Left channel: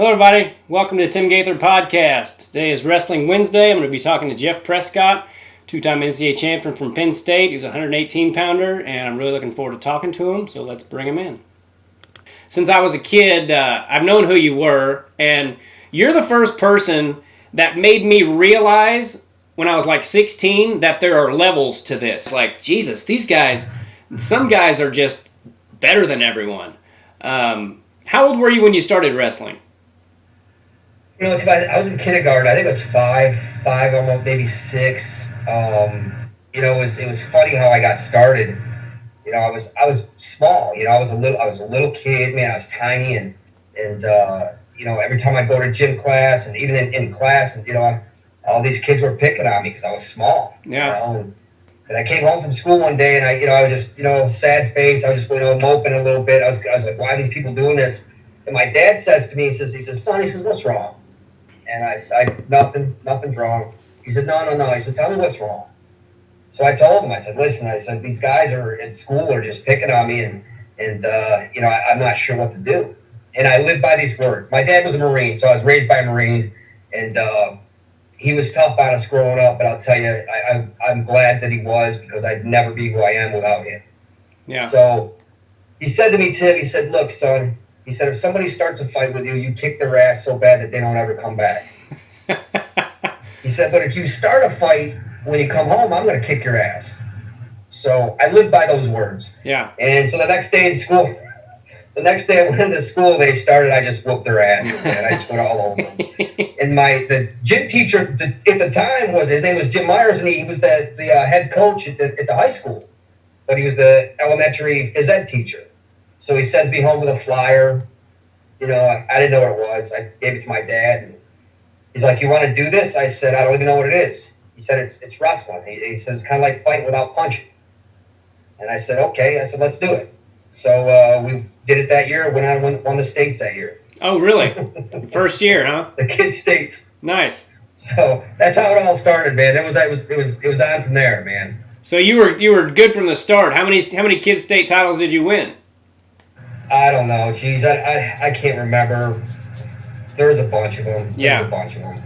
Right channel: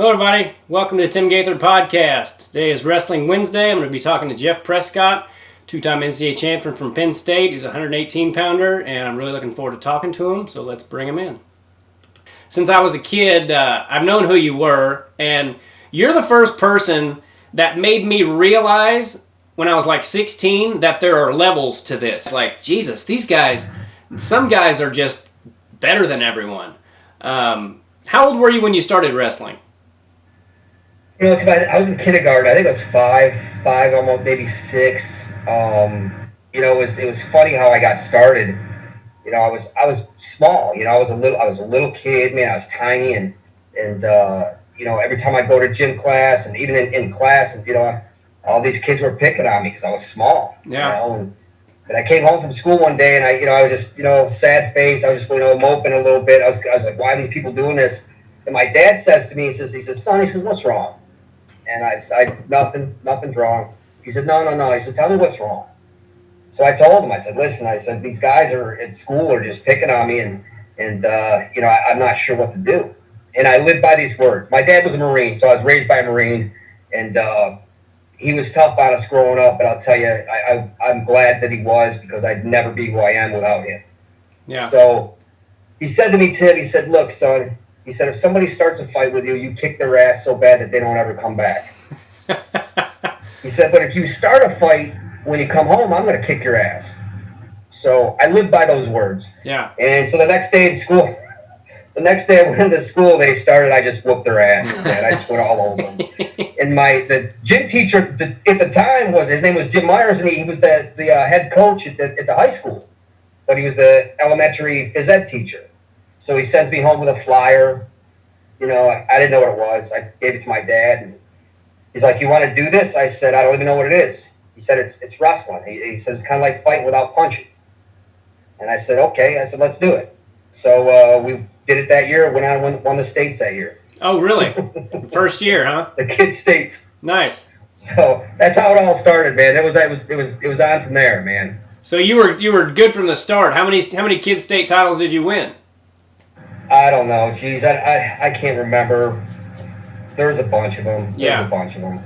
Hello, everybody. Welcome to the Tim Gaither Podcast. Today is Wrestling Wednesday. I'm going to be talking to Jeff Prescott, two-time NCAA champion from Penn State. He's a 118-pounder, and I'm really looking forward to talking to him, so let's bring him in. Since I was a kid, I've known who you were, and you're the first person that made me realize when I was like 16 that there are levels to this. Like, Jesus, these guys, some guys are just better than everyone. How old were you when you started wrestling? You know, I was in kindergarten. I think it was five, almost maybe six. It was funny how I got started. You know, I was small. You know, I was a little kid, man. I was tiny, and every time I go to gym class, and even in class, and all these kids were picking on me because I was small. Yeah. And I came home from school one day, and I was just sad face. I was just moping a little bit. I was like, why are these people doing this? And my dad says to me, he says, son, what's wrong? And I said, nothing's wrong. He said, no. He said, tell me what's wrong. So I told him, I said, listen, these guys are at school are just picking on me, and I'm not sure what to do. And I live by these words. My dad was a Marine, so I was raised by a Marine, and he was tough on us growing up, but I'll tell you, I'm glad that he was, because I'd never be who I am without him. Yeah. So he said to me, Tim, he said, look, son, he said, if somebody starts a fight with you, you kick their ass so bad that they don't ever come back. He said, but if you start a fight, when you come home, I'm going to kick your ass. So I lived by those words. Yeah. And so the next day I went into school, they started, I just whooped their ass. And I just went all over them. And the gym teacher at the time his name was Jim Myers, and he was the head coach at the high school. But he was the elementary phys ed teacher. So he sends me home with a flyer. I didn't know what it was. I gave it to my dad. And he's like, you want to do this? I said, I don't even know what it is. He said, it's wrestling. He says, it's kind of like fighting without punching. And I said, okay. I said, let's do it. So we did it that year. Won the states that year. Oh, really? First year, huh? The kids' states. Nice. So that's how it all started, man. It was on from there, man. So you were good from the start. How many kids' state titles did you win? I don't know. Geez, I can't remember. There's a bunch of them. Yeah. There's a bunch of them.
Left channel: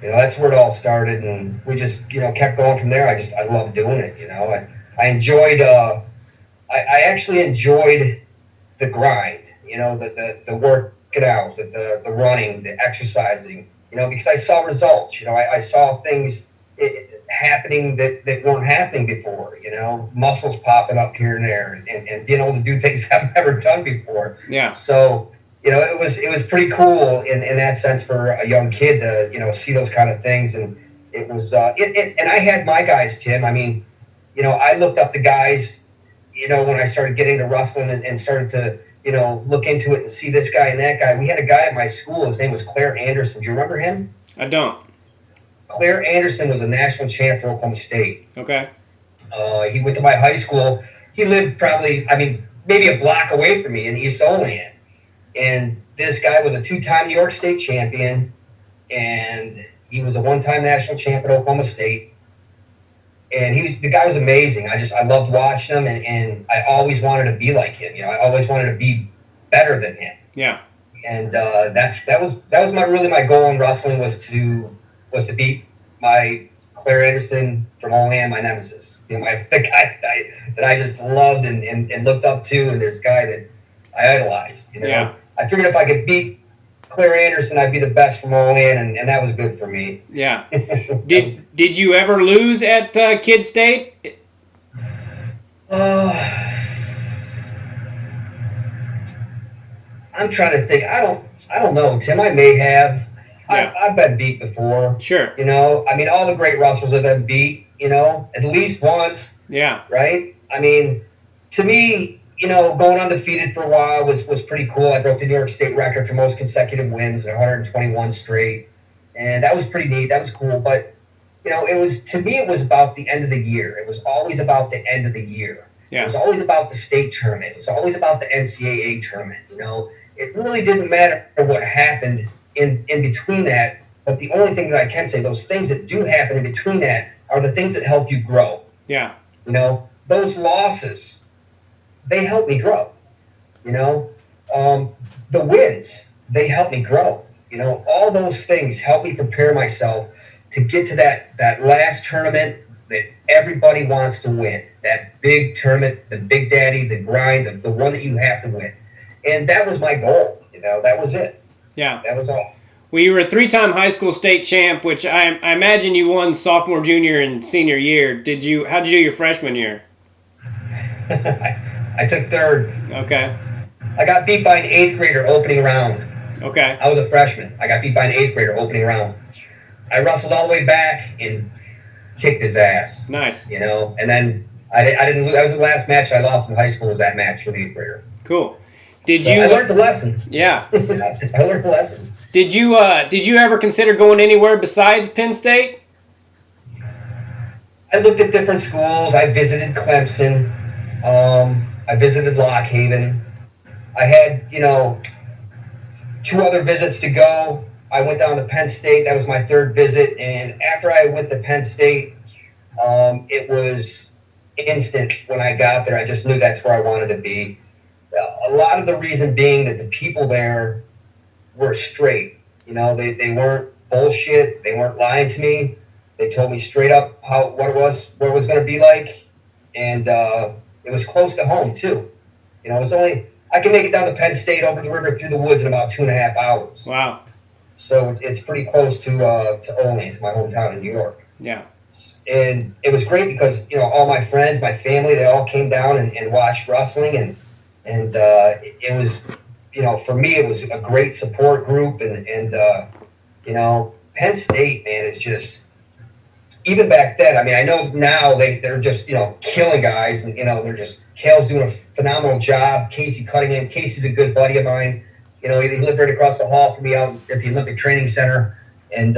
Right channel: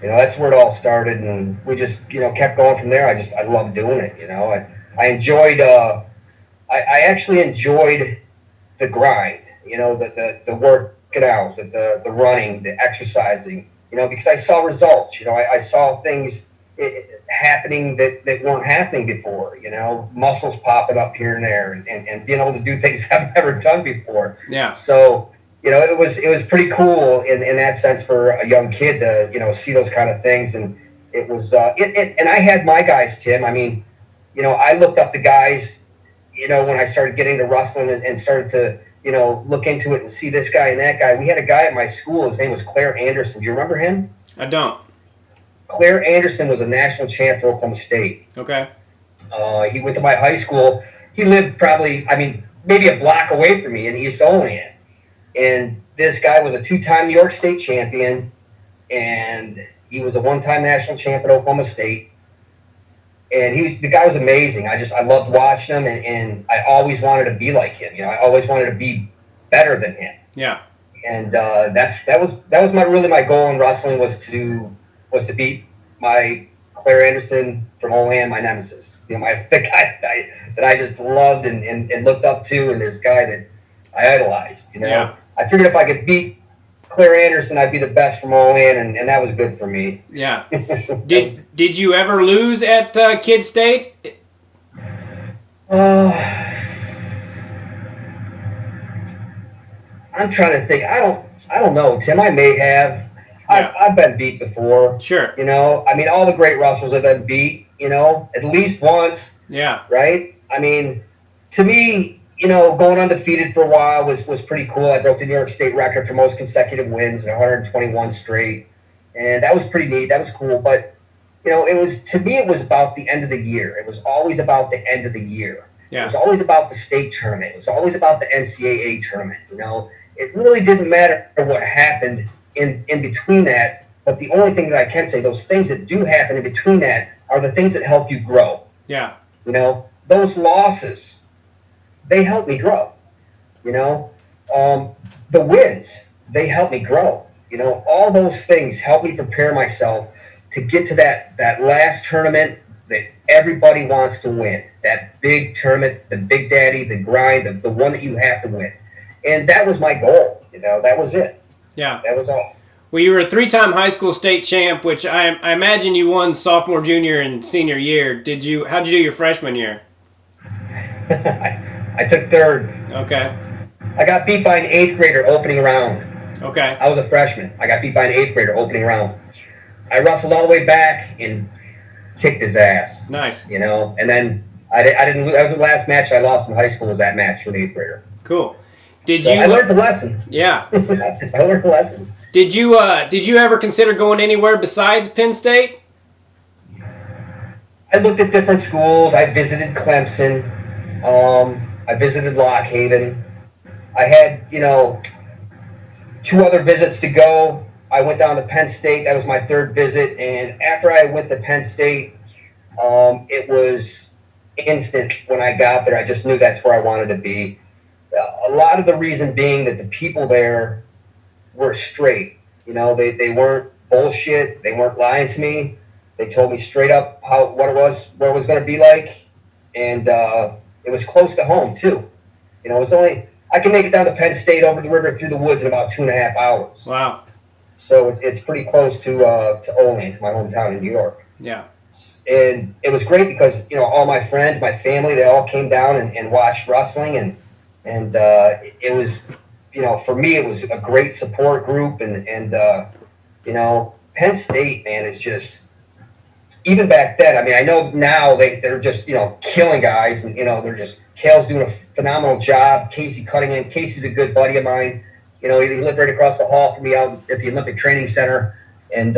That's where it all started, and we just, kept going from there. I loved doing it, I enjoyed, I actually enjoed the grind, the working out, the running, the exercising, because I saw results, I saw things happening that weren't happening before, muscles popping up here and there, and being able to do things I've never done before. Yeah. So, it was pretty cool in that sense for a young kid to, see those kind of things. And it was, and I had my guys, Tim. I mean, I looked up the guys, when I started getting into wrestling and started to, look into it and see this guy and that guy. We had a guy at my school. His name was Claire Anderson. Do you remember him? I don't. Claire Anderson was a national champ for Oklahoma State. Okay. He went to my high school. He lived probably, maybe a block away from me in East Olean. And this guy was a two-time New York State champion, and he was a one-time national champ at Oklahoma State. And the guy was amazing. I loved watching him, and I always wanted to be like him. I always wanted to be better than him. Yeah. And that was my goal in wrestling was to beat my Claire Anderson from Olean, my nemesis. The guy that I just loved and looked up to, and this guy that I idolized. Yeah. I figured if I could beat Claire Anderson, I'd be the best from Olean, and that was good for me. Yeah. Did you ever lose at Kid State? I'm trying to think. I don't know, Tim. I may have. Yeah. I've been beat before. Sure. All the great wrestlers have been beat. At least once. Yeah. Right. To me, going undefeated for a while was pretty cool. I broke the New York State record for most consecutive wins, 121 straight. And that was pretty neat. That was cool. But, it was about the end of the year. It was always about the end of the year. Yeah. It was always about the state tournament. It was always about the NCAA tournament. It really didn't matter what happened in between that. But the only thing that I can say, those things that do happen in between that are the things that help you grow. Yeah. Those losses, they help me grow. The wins, they help me grow. all those things helped me prepare myself to get to that last tournament that everybody wants to win. That big tournament, the big daddy, the grind, the one that you have to win. And that was my goal. That was it. Yeah. That was all. Well, you were a 3-time high school state champ, which I imagine you won sophomore, junior, and senior year. How'd you do your freshman year? I took third. Okay. I got beat by an 8th grader opening round. Okay. I was a freshman. I got beat by an 8th grader opening round. I wrestled all the way back and kicked his ass. Nice. And then I didn't lose. That was the last match I lost in high school, was that match with an 8th grader. Cool. I learned the lesson. Yeah. I learned the lesson. Did you ever consider going anywhere besides Penn State? I looked at different schools. I visited Clemson. I visited Lock Haven. I had, 2 other visits to go. I went down to Penn State. That was my 3rd visit. And after I went to Penn State, it was instant when I got there. I just knew that's where I wanted to be. A lot of the reason being that the people there were straight. They weren't bullshit. They weren't lying to me. They told me straight up what it was going to be like. And it was close to home, too. It was I can make it down to Penn State, over the river, through the woods in about 2.5 hours. Wow. So it's pretty close to Olean, to my hometown in New York. Yeah. And it was great because, all my friends, my family, they all came down and watched wrestling. And it was, for me, it was a great support group. And Penn State, man, is just, even back then, I mean, I know now they're just, killing guys. And, they're just, Kale's doing a phenomenal job. Casey Cunningham. Casey's a good buddy of mine. He lived right across the hall from me out at the Olympic Training Center. And,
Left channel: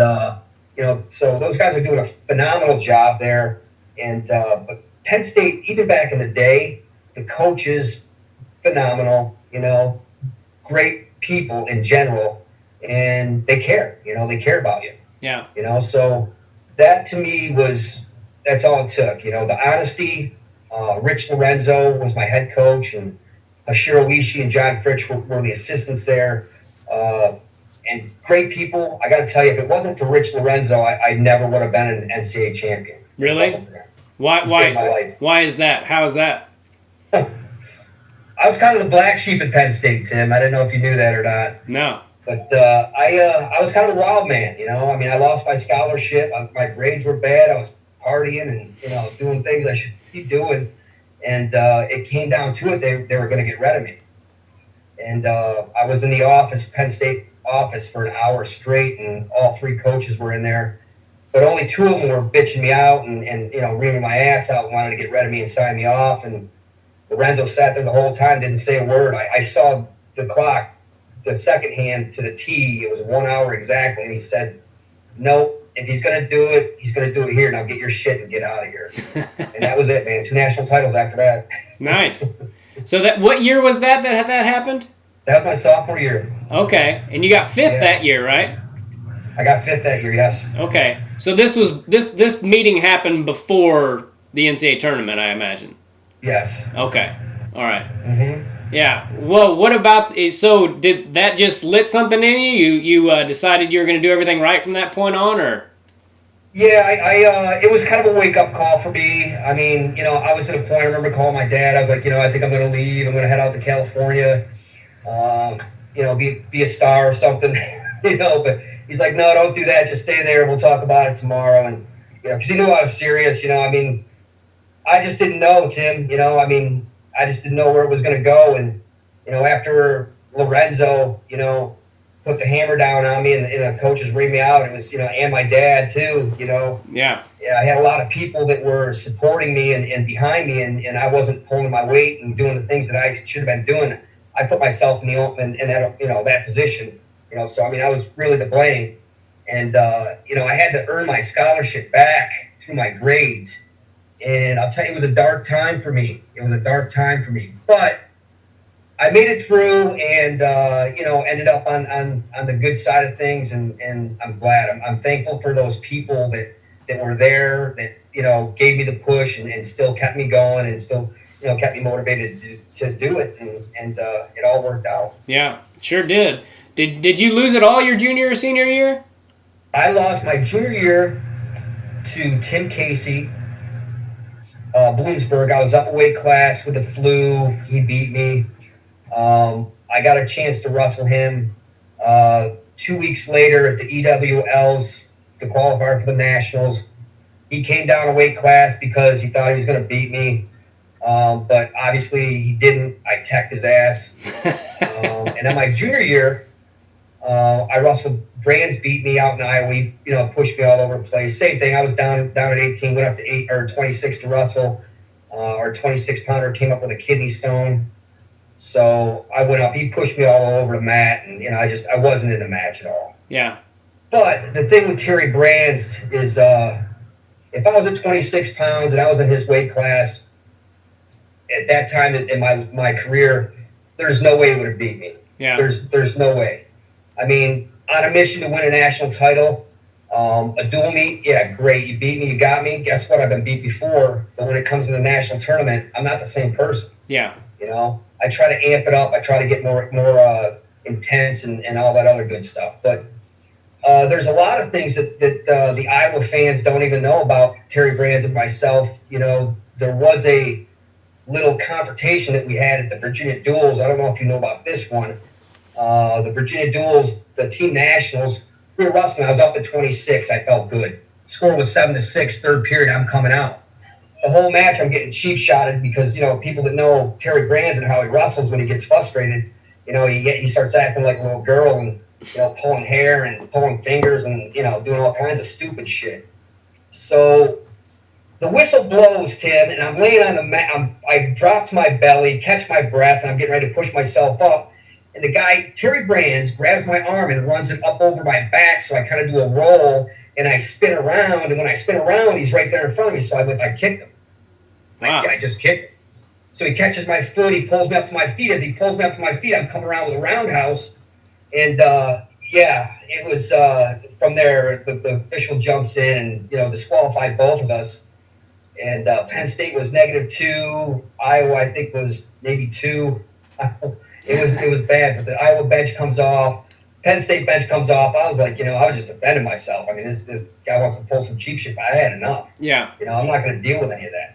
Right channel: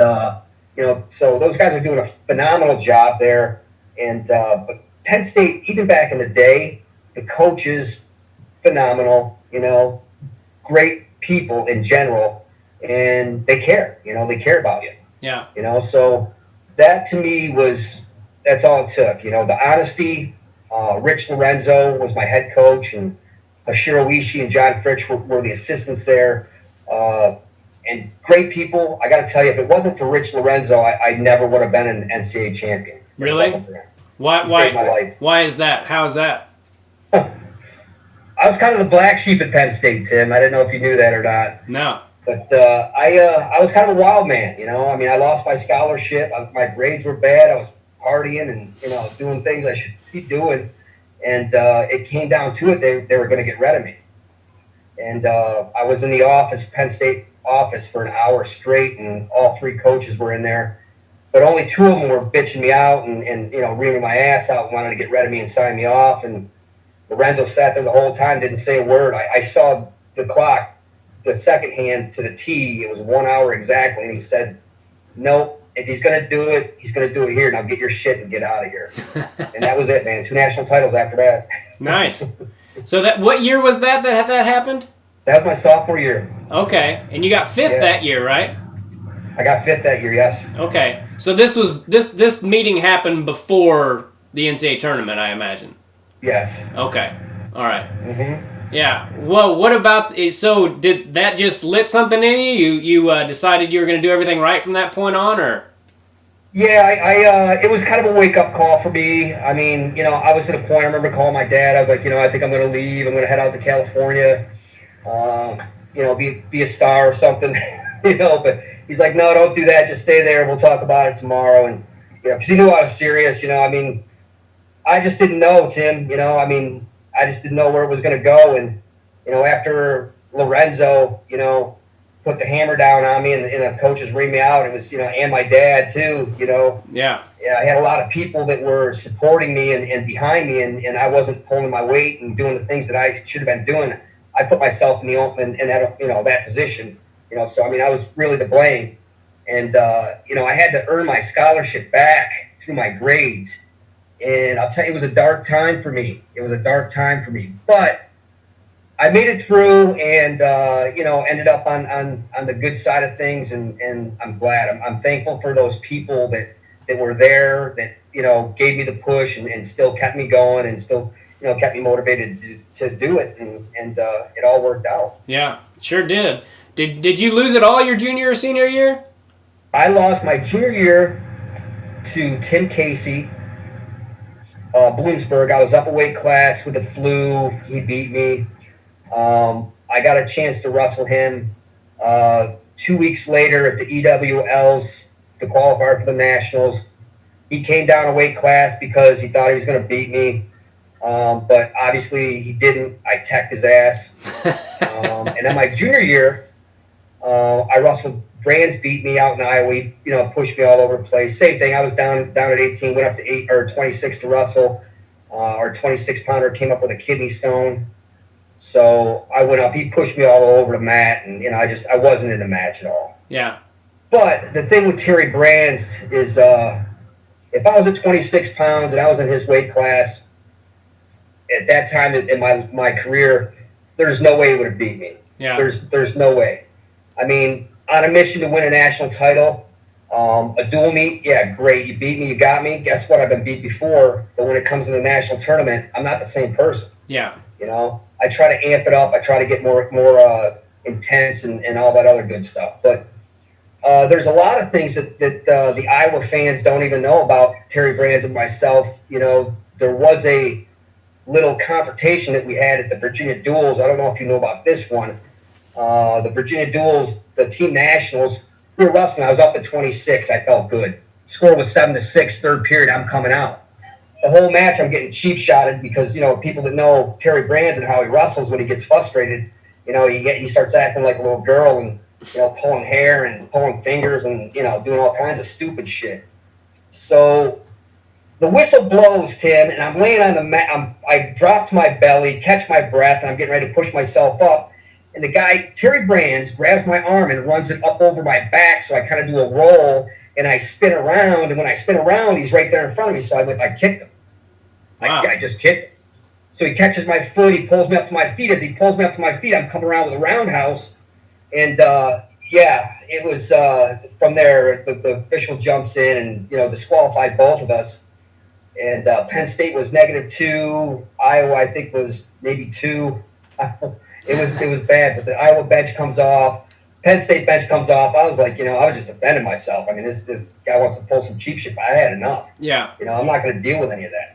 so those guys are doing a phenomenal job there. And, but Penn State, even back in the day, the coaches, phenomenal, great people in general. And they care, they care about you. Yeah. So that to me that's all it took. The honesty. Rich Lorenzo was my head coach, and Hashiro Ishii and John Fritsch were the assistants there. And great people. I got to tell you, if it wasn't for Rich Lorenzo, I never would have been an NCAA champion. Really? Why is that? How is that? I was kind of the black sheep at Penn State, Tim. I didn't know if you knew that or not. No. But I was kind of a wild man, I mean, I lost my scholarship. My grades were bad. I was partying and, doing things I should be doing. And it came down to it. They were going to get rid of me. And I was in the office, Penn State office, for an hour straight, and all 3 coaches were in there. But only 2 of them were bitching me out and reaming my ass out and wanted to get rid of me and sign me off. And Lorenzo sat there the whole time, didn't say a word. I saw the clock, the second hand to the T. It was 1 hour exactly. And he said, no, if he's going to do it, he's going to do it here. Now get your shit and get out of here. And that was it, man. 2 national titles after that. Nice. So what year was that happened? That was my sophomore year. Okay. And you got 5th that year, right? I got 5th that year, yes. Okay. So this meeting happened before the NCAA tournament, I imagine. Yes. Okay. All right. Mm-hmm. Yeah. Well, what about, so did that just lit something in you? You decided you were going to do everything right from that point on, or? Yeah, it was kind of a wake-up call for me. I mean, I was at a point, I remember calling my dad. I was like, I think I'm going to leave. I'm going to head out to California, be a star or something, But he's like, no, don't do that. Just stay there. We'll talk about it tomorrow. And, because he knew I was serious, I mean, I just didn't know, Tim, I mean, I just didn't know where it was going to go. And, after Lorenzo, put the hammer down on me and the coaches reamed me out, it was, and my dad too, Yeah. I had a lot of people that were supporting me and behind me, and I wasn't pulling my weight and doing the things that I should have been doing. I put myself in that, that position, so, I mean, I was really to blame. And, I had to earn my scholarship back through my grades. And I'll tell you, it was a dark time for me. But I made it through and, ended up on the good side of things. And I'm glad. I'm thankful for those people that were there, that, gave me the push and still kept me going and still, kept me motivated to do it. And it all worked out. Yeah, sure did. Did you lose it all your junior or senior year? I lost my junior year to Tim Casey, Bloomsburg. I was up a weight class with the flu. He beat me. I got a chance to wrestle him 2 weeks later at the EWLs, the qualifier for the Nationals. He came down a weight class because he thought he was going to beat me. But obviously he didn't. I teched his ass. And then my junior year, I wrestled. Brands beat me out in Iowa. He, pushed me all over the place. Same thing. I was down at 18, went up to 8 or 26 to wrestle. Our 26-pounder came up with a kidney stone. So I went up. He pushed me all over the mat, and I wasn't in the match at all. Yeah. But the thing with Terry Brands is, if I was at 26 pounds and I was in his weight class at that time in my career, there's no way he would have beat me. Yeah. There's no way. I mean, on a mission to win a national title, a dual meet, yeah, great. You beat me, you got me. Guess what? I've been beat before. But when it comes to the national tournament, I'm not the same person. Yeah. I try to amp it up. I try to get more intense and all that other good stuff. But there's a lot of things that the Iowa fans don't even know about Terry Brands and myself. There was a little confrontation that we had at the Virginia Duels. I don't know if you know about this one. The Virginia Duels, the team nationals, we were wrestling. I was up at 26. I felt good. Score was 7-6, third period. I'm coming out. The whole match, I'm getting cheap shotted because, people that know Terry Brands and how he wrestles when he gets frustrated, he starts acting like a little girl and, pulling hair and pulling fingers and, doing all kinds of stupid shit. So the whistle blows, Tim, and I'm laying on the mat. I dropped my belly, catch my breath, and I'm getting ready to push myself up. And the guy, Terry Brands, grabs my arm and runs it up over my back, so I kind of do a roll, and I spin around. And when I spin around, he's right there in front of me, so I kicked him. Wow. I just kicked him. So he catches my foot. He pulls me up to my feet. As he pulls me up to my feet, I'm coming around with a roundhouse. And, it was from there, the official jumps in and, disqualified both of us. And Penn State was -2. Iowa, I think, was maybe 2. It was bad, but the Iowa bench comes off. Penn State bench comes off. I was like, I was just defending myself. I mean, this guy wants to pull some cheap shit. I had enough. Yeah. I'm not going to deal with any of that.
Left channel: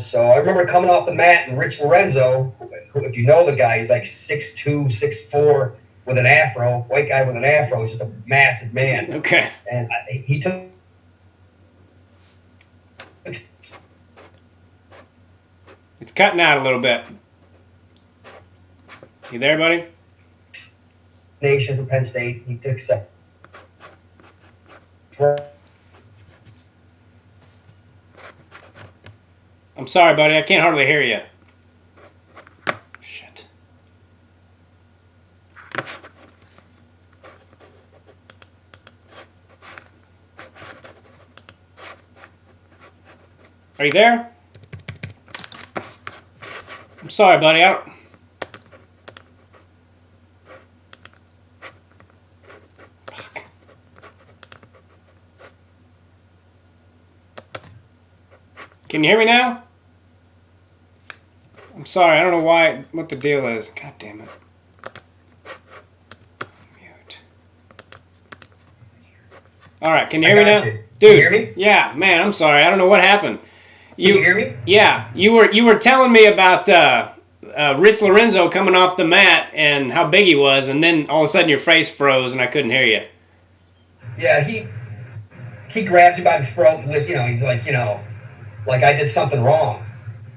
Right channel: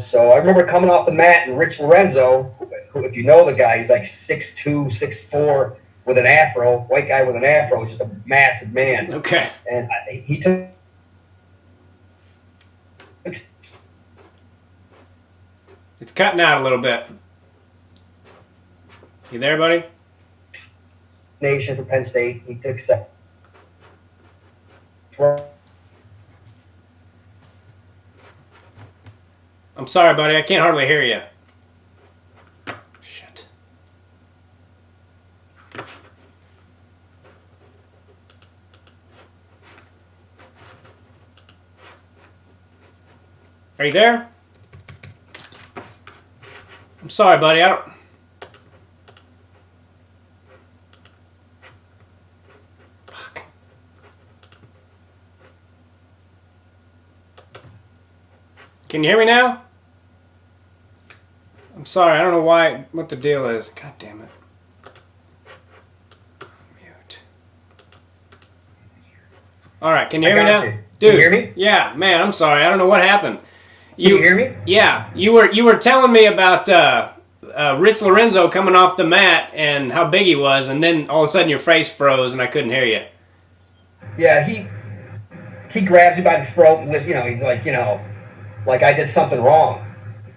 So I remember coming off the mat, and Rich Lorenzo, who, if you know the guy, he's like 6'2", 6'4", with an afro, white guy with an afro, just a massive man. Okay. And he took. It's cutting out a little bit. You there, buddy? Nation for Penn State. He took second. I'm sorry, buddy. I can't hardly hear you. Shit. Are you there? I'm sorry, buddy. I don't... Fuck. Can you hear me now? I'm sorry. I don't know what the deal is. God damn it. Mute. All right. Can you hear me now? You. Dude. Can you hear me? Yeah, man. I'm sorry. I don't know what happened. Can you hear me? Yeah, you were telling me about Rich Lorenzo coming off the mat and how big he was, and then all of a sudden your face froze and I couldn't hear you. Yeah, he grabbed you by the throat and he's like, like I did something wrong.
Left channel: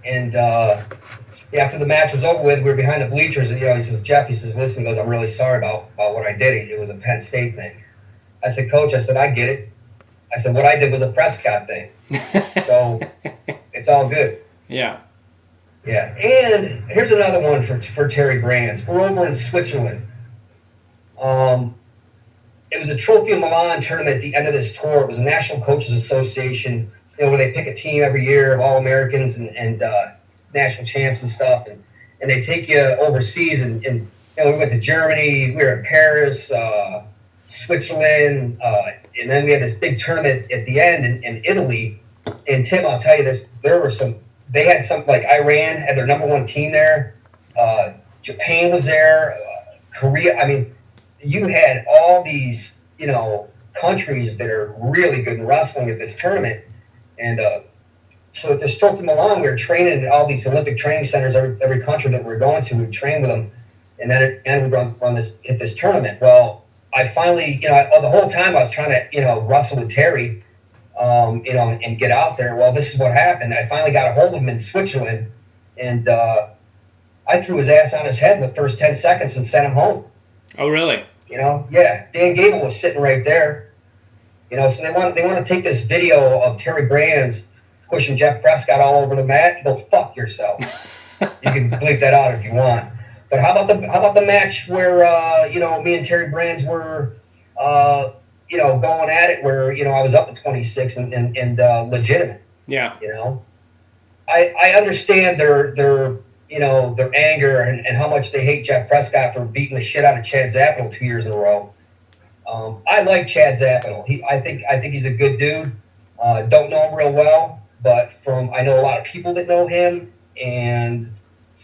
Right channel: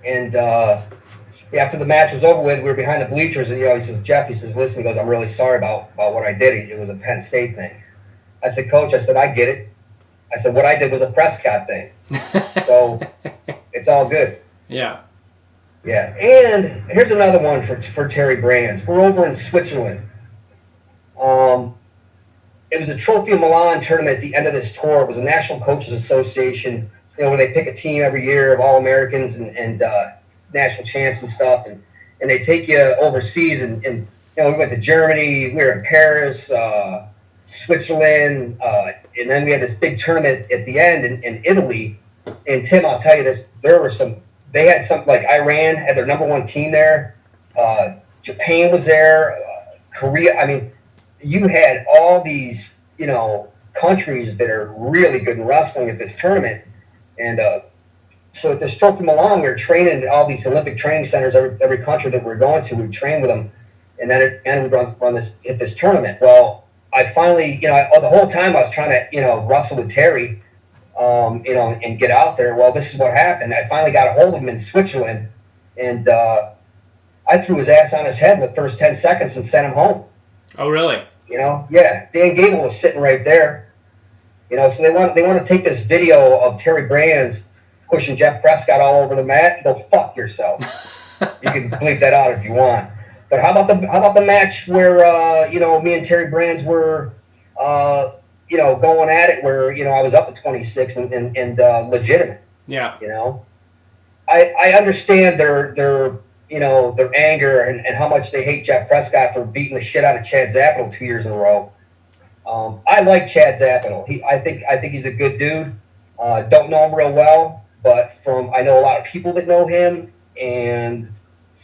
And after the match was over with, we were behind the bleachers, and he says, Jeff, listen, he goes, I'm really sorry about what I did. It was a Penn State thing. I said, Coach, I get it. I said, what I did was a Prescott thing. So it's all good. Yeah. Yeah. And here's another one for Terry Brands. We're over in Switzerland. It was a Trophy Milan tournament at the end of this tour. It was a National Coaches Association, when they pick a team every year of All-Americans and national champs and stuff. And they take you overseas. And we went to Germany. We were in Paris, Switzerland, and then we had this big tournament at the end in Italy. And Tim, I'll tell you this, they had something like Iran had their number one team there. Japan was there, Korea. I mean, you had all these, countries that are really good in wrestling at this tournament. And so at the Stroke from Milan, we were training in all these Olympic training centers, every country that we were going to, we would train with them. And then we run this at this tournament. Well, I finally, the whole time I was trying to, wrestle with Terry, and get out there. Well, this is what happened. I finally got a hold of him in Switzerland, and I threw his ass on his head in the first 10 seconds and sent him home. Oh, really? Yeah. Dan Gable was sitting right there. So they want to take this video of Terry Brands pushing Jeff Prescott all over the mat. Go fuck yourself. You can bleep that out if you want. But how about the match where me and Terry Brands were going at it, where I was up at 26 and legitimate. Yeah. I understand their anger and how much they hate Jeff Prescott for beating the shit out of Chad Zappel 2 years in a row. I like Chad Zappel. I think he's a good dude. Don't know him real well, but I know a lot of people that know him, and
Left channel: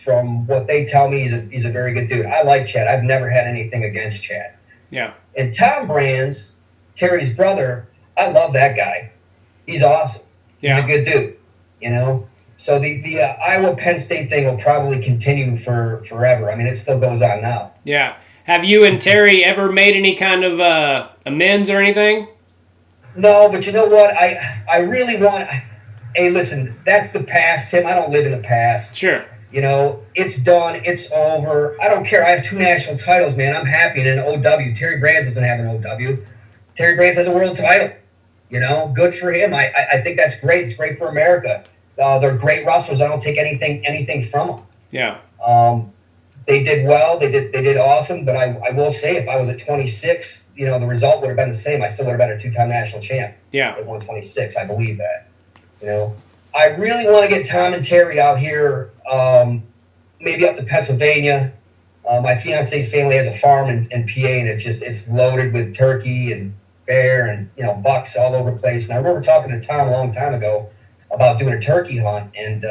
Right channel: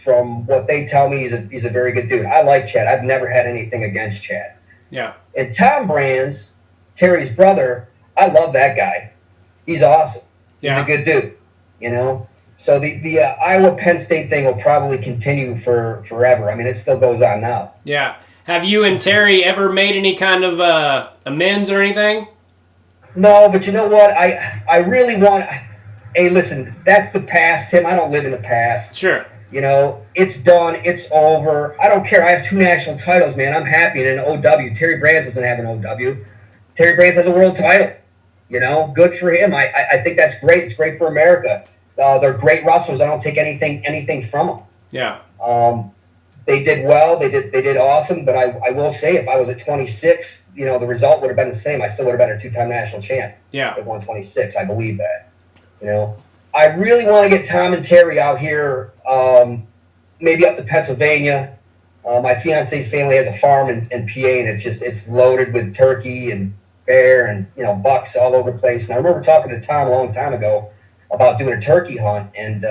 from what they tell me, he's a very good dude. I like Chad. I've never had anything against Chad. Yeah. And Tom Brands, Terry's brother, I love that guy. He's awesome. Yeah. He's a good dude. So the Iowa Penn State thing will probably continue forever. I mean, it still goes on now. Yeah. Have you and Terry ever made any kind of amends or anything? No, but you know what? I really want. Hey, listen, that's the past, Tim. I don't live in the past. Sure. It's done. It's over. I don't care. I have 2 national titles, man. I'm happy in an OW. Terry Brands doesn't have an OW. Terry Brands has a world title. Good for him. I think that's great. It's great for America. They're great wrestlers. I don't take anything from them. Yeah. They did well. They did awesome. But I will say, if I was at 26, the result would have been the same. I still would have been a 2-time national champ. Yeah. At 126, I believe that. I really want to get Tom and Terry out here, maybe up to Pennsylvania. My fiance's family has a farm in PA, and it's loaded with turkey and bear and bucks all over the place. And I remember talking to Tom a long time ago about doing a turkey hunt, and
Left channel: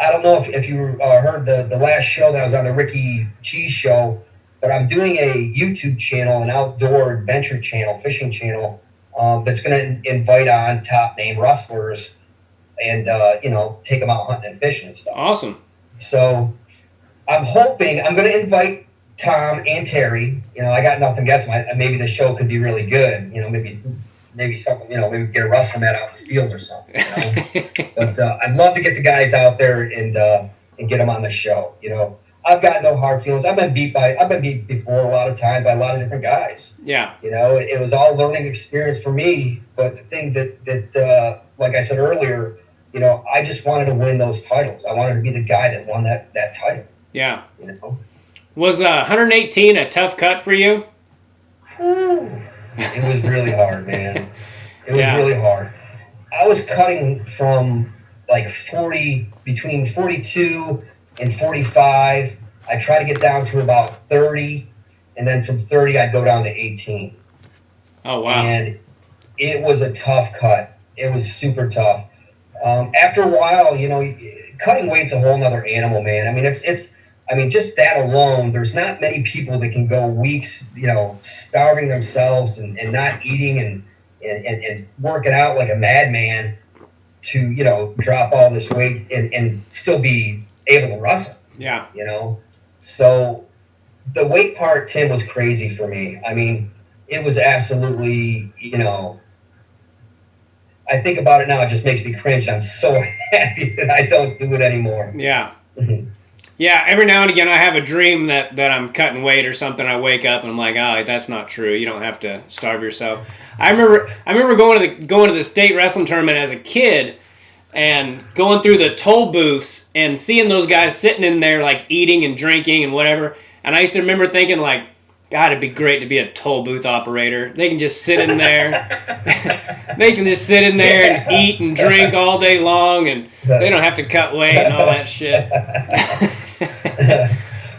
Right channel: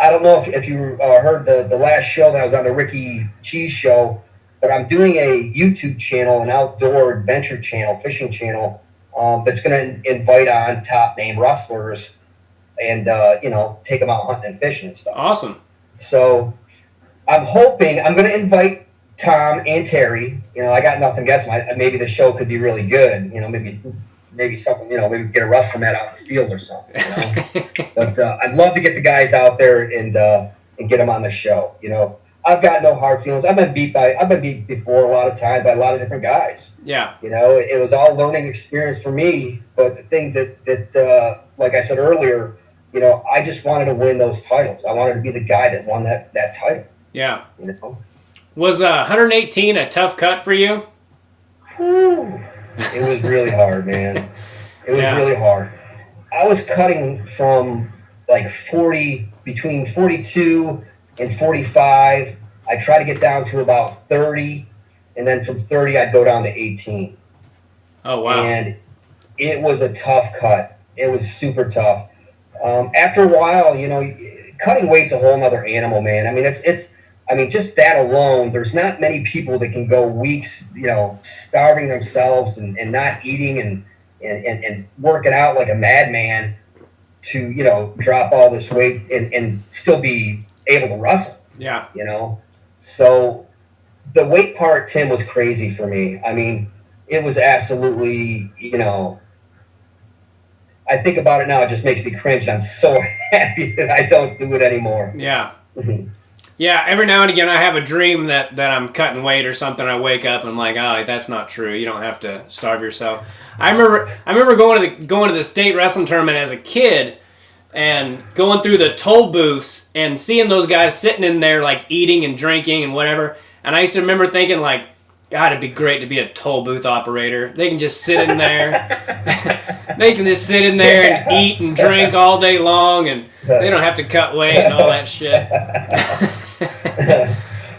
I don't know if you heard the last show that I was on, the Ricky Cheese show, but I'm doing a YouTube channel, an outdoor adventure channel, fishing channel, that's going to invite on top name wrestlers and take them out hunting and fishing and stuff. Awesome. So I'm hoping I'm going to invite Tom and Terry. I got nothing against them. Maybe the show could be really good. Maybe something. Maybe we get a wrestling mat out in the field or something. But I'd love to get the guys out there and get them on the show. I've got no hard feelings. I've been beat before a lot of time by a lot of different guys. Yeah. It was all learning experience for me. But the thing that like I said earlier, I just wanted to win those titles. I wanted to be the guy that won that title. Yeah. Was 118 a tough cut for you? Whew. It was really hard, man. It was really hard. I was cutting from like 40, between 42 and 45. I tried to get down to about 30, and then from 30 I'd go down to 18. Oh, wow. And it was a tough cut. It was super tough. After a while, cutting weight's a whole nother animal, man. I mean, just that alone, there's not many people that can go weeks, starving themselves and not eating and working out like a madman to, drop all this weight and still be able to wrestle. Yeah. So the weight part, Tim, was crazy for me. I mean, it was absolutely, I think about it now, it just makes me cringe, and I'm so happy that I don't do it anymore. Yeah. Yeah, every now and again I have a dream that I'm cutting weight or something. I wake up and I'm like, oh, that's not true. You don't have to starve yourself. I remember going to the state wrestling tournament as a kid and going through the toll booths and seeing those guys sitting in there like eating and drinking and whatever. And I used to remember thinking like, God, it'd be great to be a toll booth operator. They can just sit in there. They can just sit in there and eat and drink all day long, and they don't have to cut weight and all that shit.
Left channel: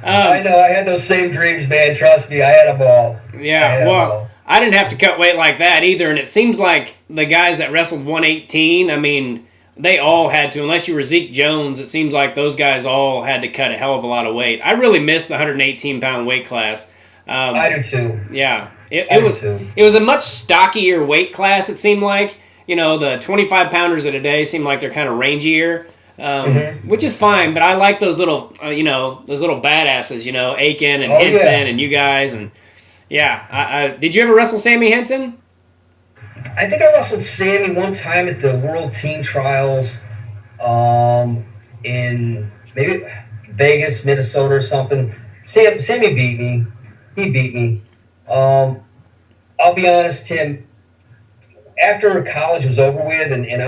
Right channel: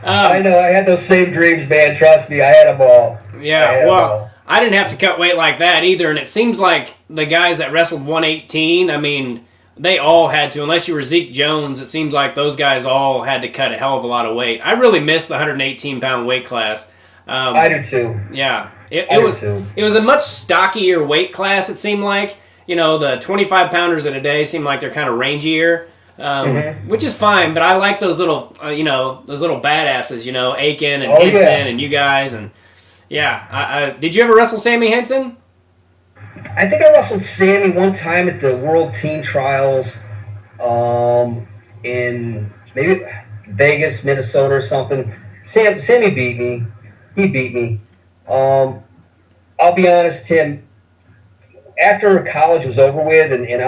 I know. I had those same dreams, man. Trust me. I had them all. Yeah, well, I didn't have to cut weight like that either, and it seems like the guys that wrestled 118, I mean, they all had to, unless you were Zeke Jones, it seems like those guys all had to cut a hell of a lot of weight. I really missed the 118-pound weight class. I do too. Yeah, I it do was too. it was a much stockier weight class. It seemed like the 25 pounders in a day seem like they're kind of rangier, which is fine. But I like those little those little badasses. Aiken and Oh Henson yeah. and you guys and yeah. Did you ever wrestle Sammy Henson? I think I wrestled Sammy one time at the World Team Trials, in maybe Vegas, Minnesota, or something. Sammy beat me. He beat me. Um, I'll be honest, Tim. After college was over with, and it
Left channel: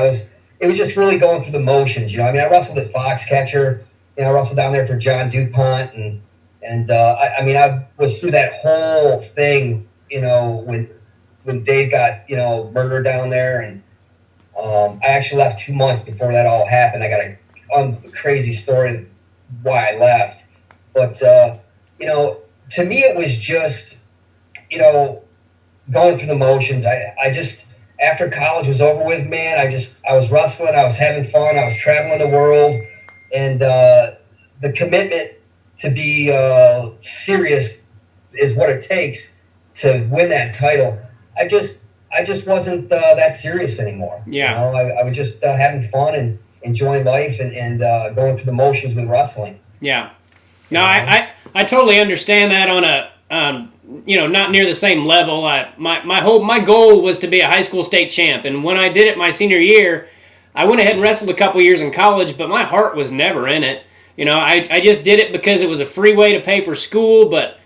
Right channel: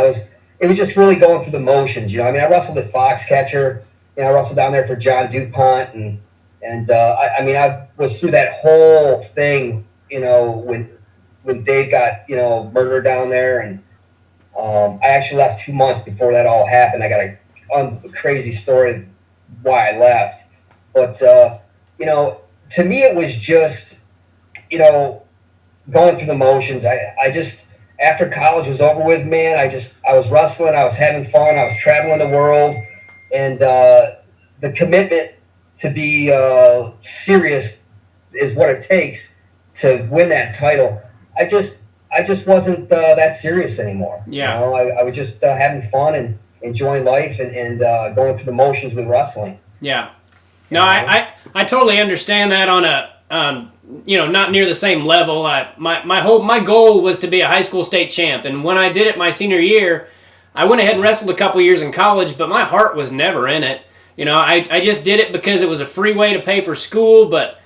was just really going through the motions. I mean, I wrestled at Foxcatcher. I wrestled down there for John DuPont, I was through that whole thing. When Dave got murdered down there, and I actually left 2 months before that all happened. I got a crazy story why I left, but to me it was just going through the motions. I just after college was over with, man. I was wrestling. I was having fun. I was traveling the world, and the commitment to be serious is what it takes to win that title. I just wasn't that serious anymore. Yeah. I was just having fun and enjoying life and going through the motions with wrestling. Yeah. No, I totally understand that on a not near the same level. My goal was to be a high school state champ, and when I did it my senior year, I went ahead and wrestled a couple years in college, but my heart was never in it. I just did it because it was a free way to pay for school, but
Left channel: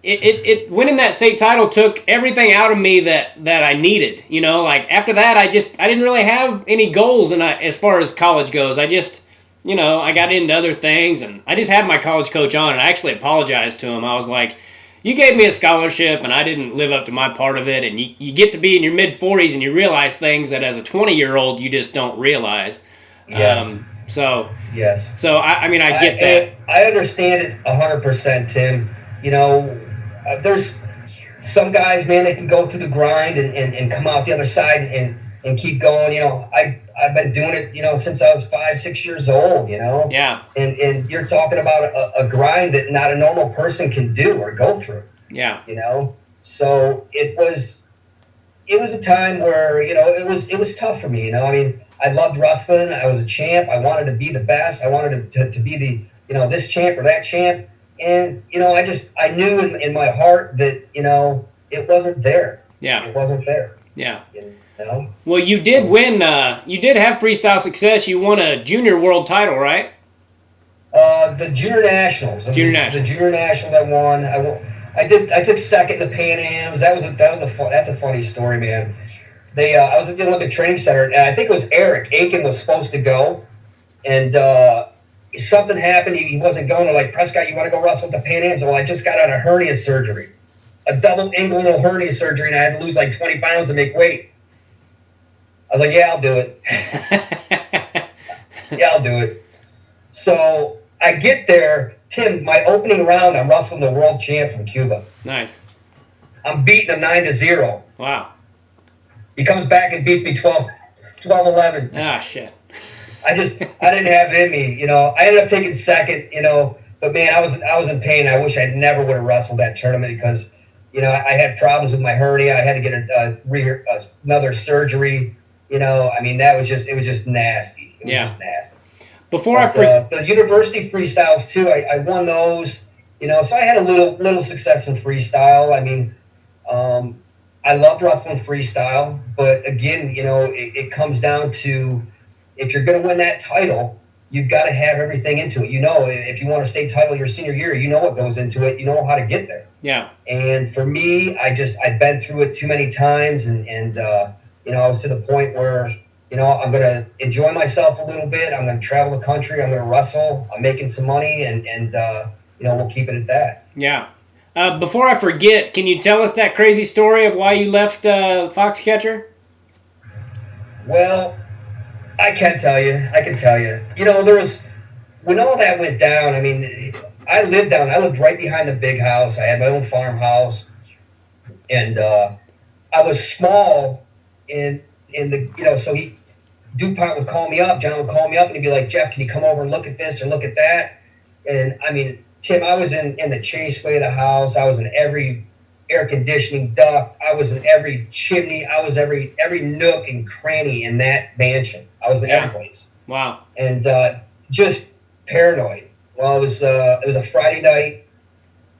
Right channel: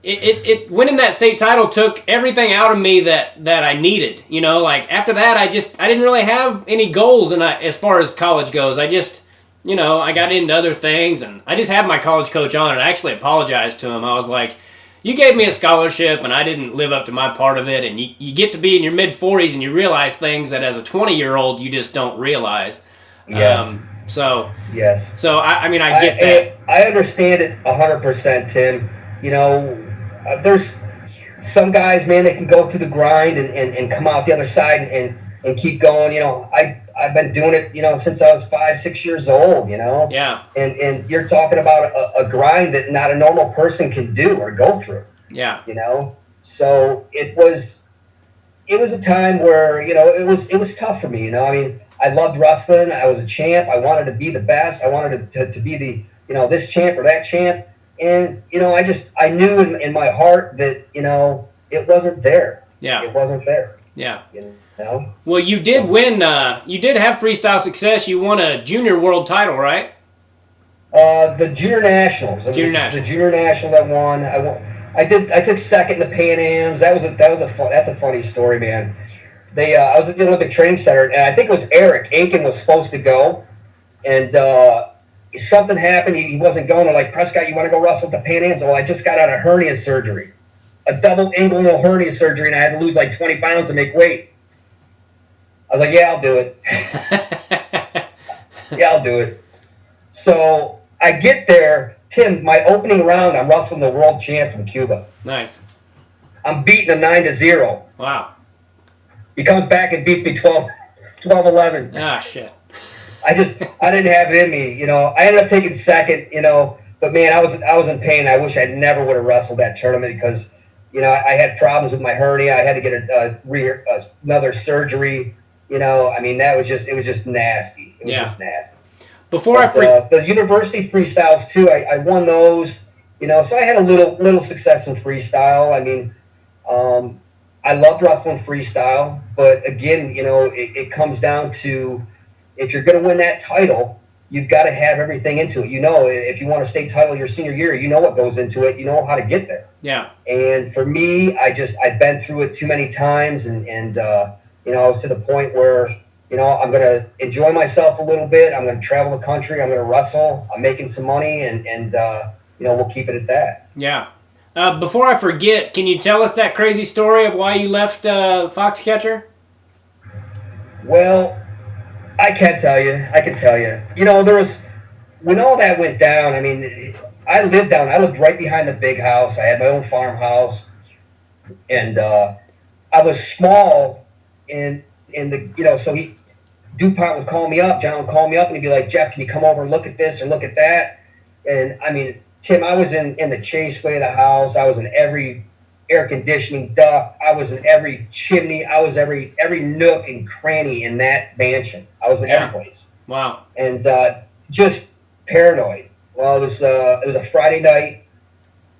it winning that state title took everything out of me that I needed. Like after that, I didn't really have any goals, and as far as college goes, I just I got into other things, and I just had my college coach on, and I actually apologized to him. I was like, you gave me a scholarship, and I didn't live up to my part of it, and you get to be in your mid-40s, and you realize things that as a 20-year-old you just don't realize. Yes. Yes. So I mean, I get that. I understand it 100%, Tim. There's some guys, man, that can go through the grind and come out the other side and keep going. I've been doing it, since I was 5-6 years old. Yeah. And you're talking about a grind that not a normal person can do or go through. Yeah. So it was a time where it was tough for me. I mean, I loved wrestling. I was a champ. I wanted to be the best. I wanted to be the this champ or that champ. And I knew in my heart that it wasn't there. Yeah. It wasn't there. Yeah. Well, you did win. You did have freestyle success. You won a junior world title, right? The junior nationals. The junior nationals. I won. I took second in the Pan Ams. That's a funny story, man. I was at the Olympic Training Center, and I think it was Eric Aiken was supposed to go, and something happened. He wasn't going. I'm like, Prescott, you want to go wrestle at the Pan Ams? Well, I just got out of hernia surgery, a double inguinal hernia surgery, and I had to lose like 20 pounds to make weight. I was like, yeah, I'll do it. Yeah, I'll do it. So I get there, Tim, my opening round, I'm wrestling the world champ from Cuba. Nice. I'm beating him 9-0. Wow. He comes back and beats me 12-11. Ah, shit. I didn't have it in me. I ended up taking second, but man, I was in pain. I wish I never would have wrestled that tournament because, I had problems with my hernia. I had to get another surgery. I mean, it was just nasty. It was just nasty. Before the university freestyles too, I won those. So I had a little success in freestyle. I mean, I loved wrestling freestyle, but again, it comes down to if you're going to win that title, you've got to have everything into it. If you want a state title your senior year, you know what goes into it. You know how to get there. Yeah. And for me, I've been through it too many times, and I was to the point where I'm going to enjoy myself a little bit. I'm going to travel the country. I'm going to wrestle. I'm making some money, and we'll keep it at that. Yeah. Before I forget, can you tell us that crazy story of why you left Foxcatcher? Well, I can tell you. There was, when all that went down, I mean, I lived right behind the big house. I had my own farmhouse, and I was small in the, so DuPont would call me up, John would call me up, and he'd be like, Jeff, can you come over and look at this or look at that? And I mean, Tim, I was in the chaseway of the house. I was in every air conditioning duct. I was in every chimney. I was every nook and cranny in that mansion. I was in every place. Wow. And just paranoid. Well, it was a Friday night,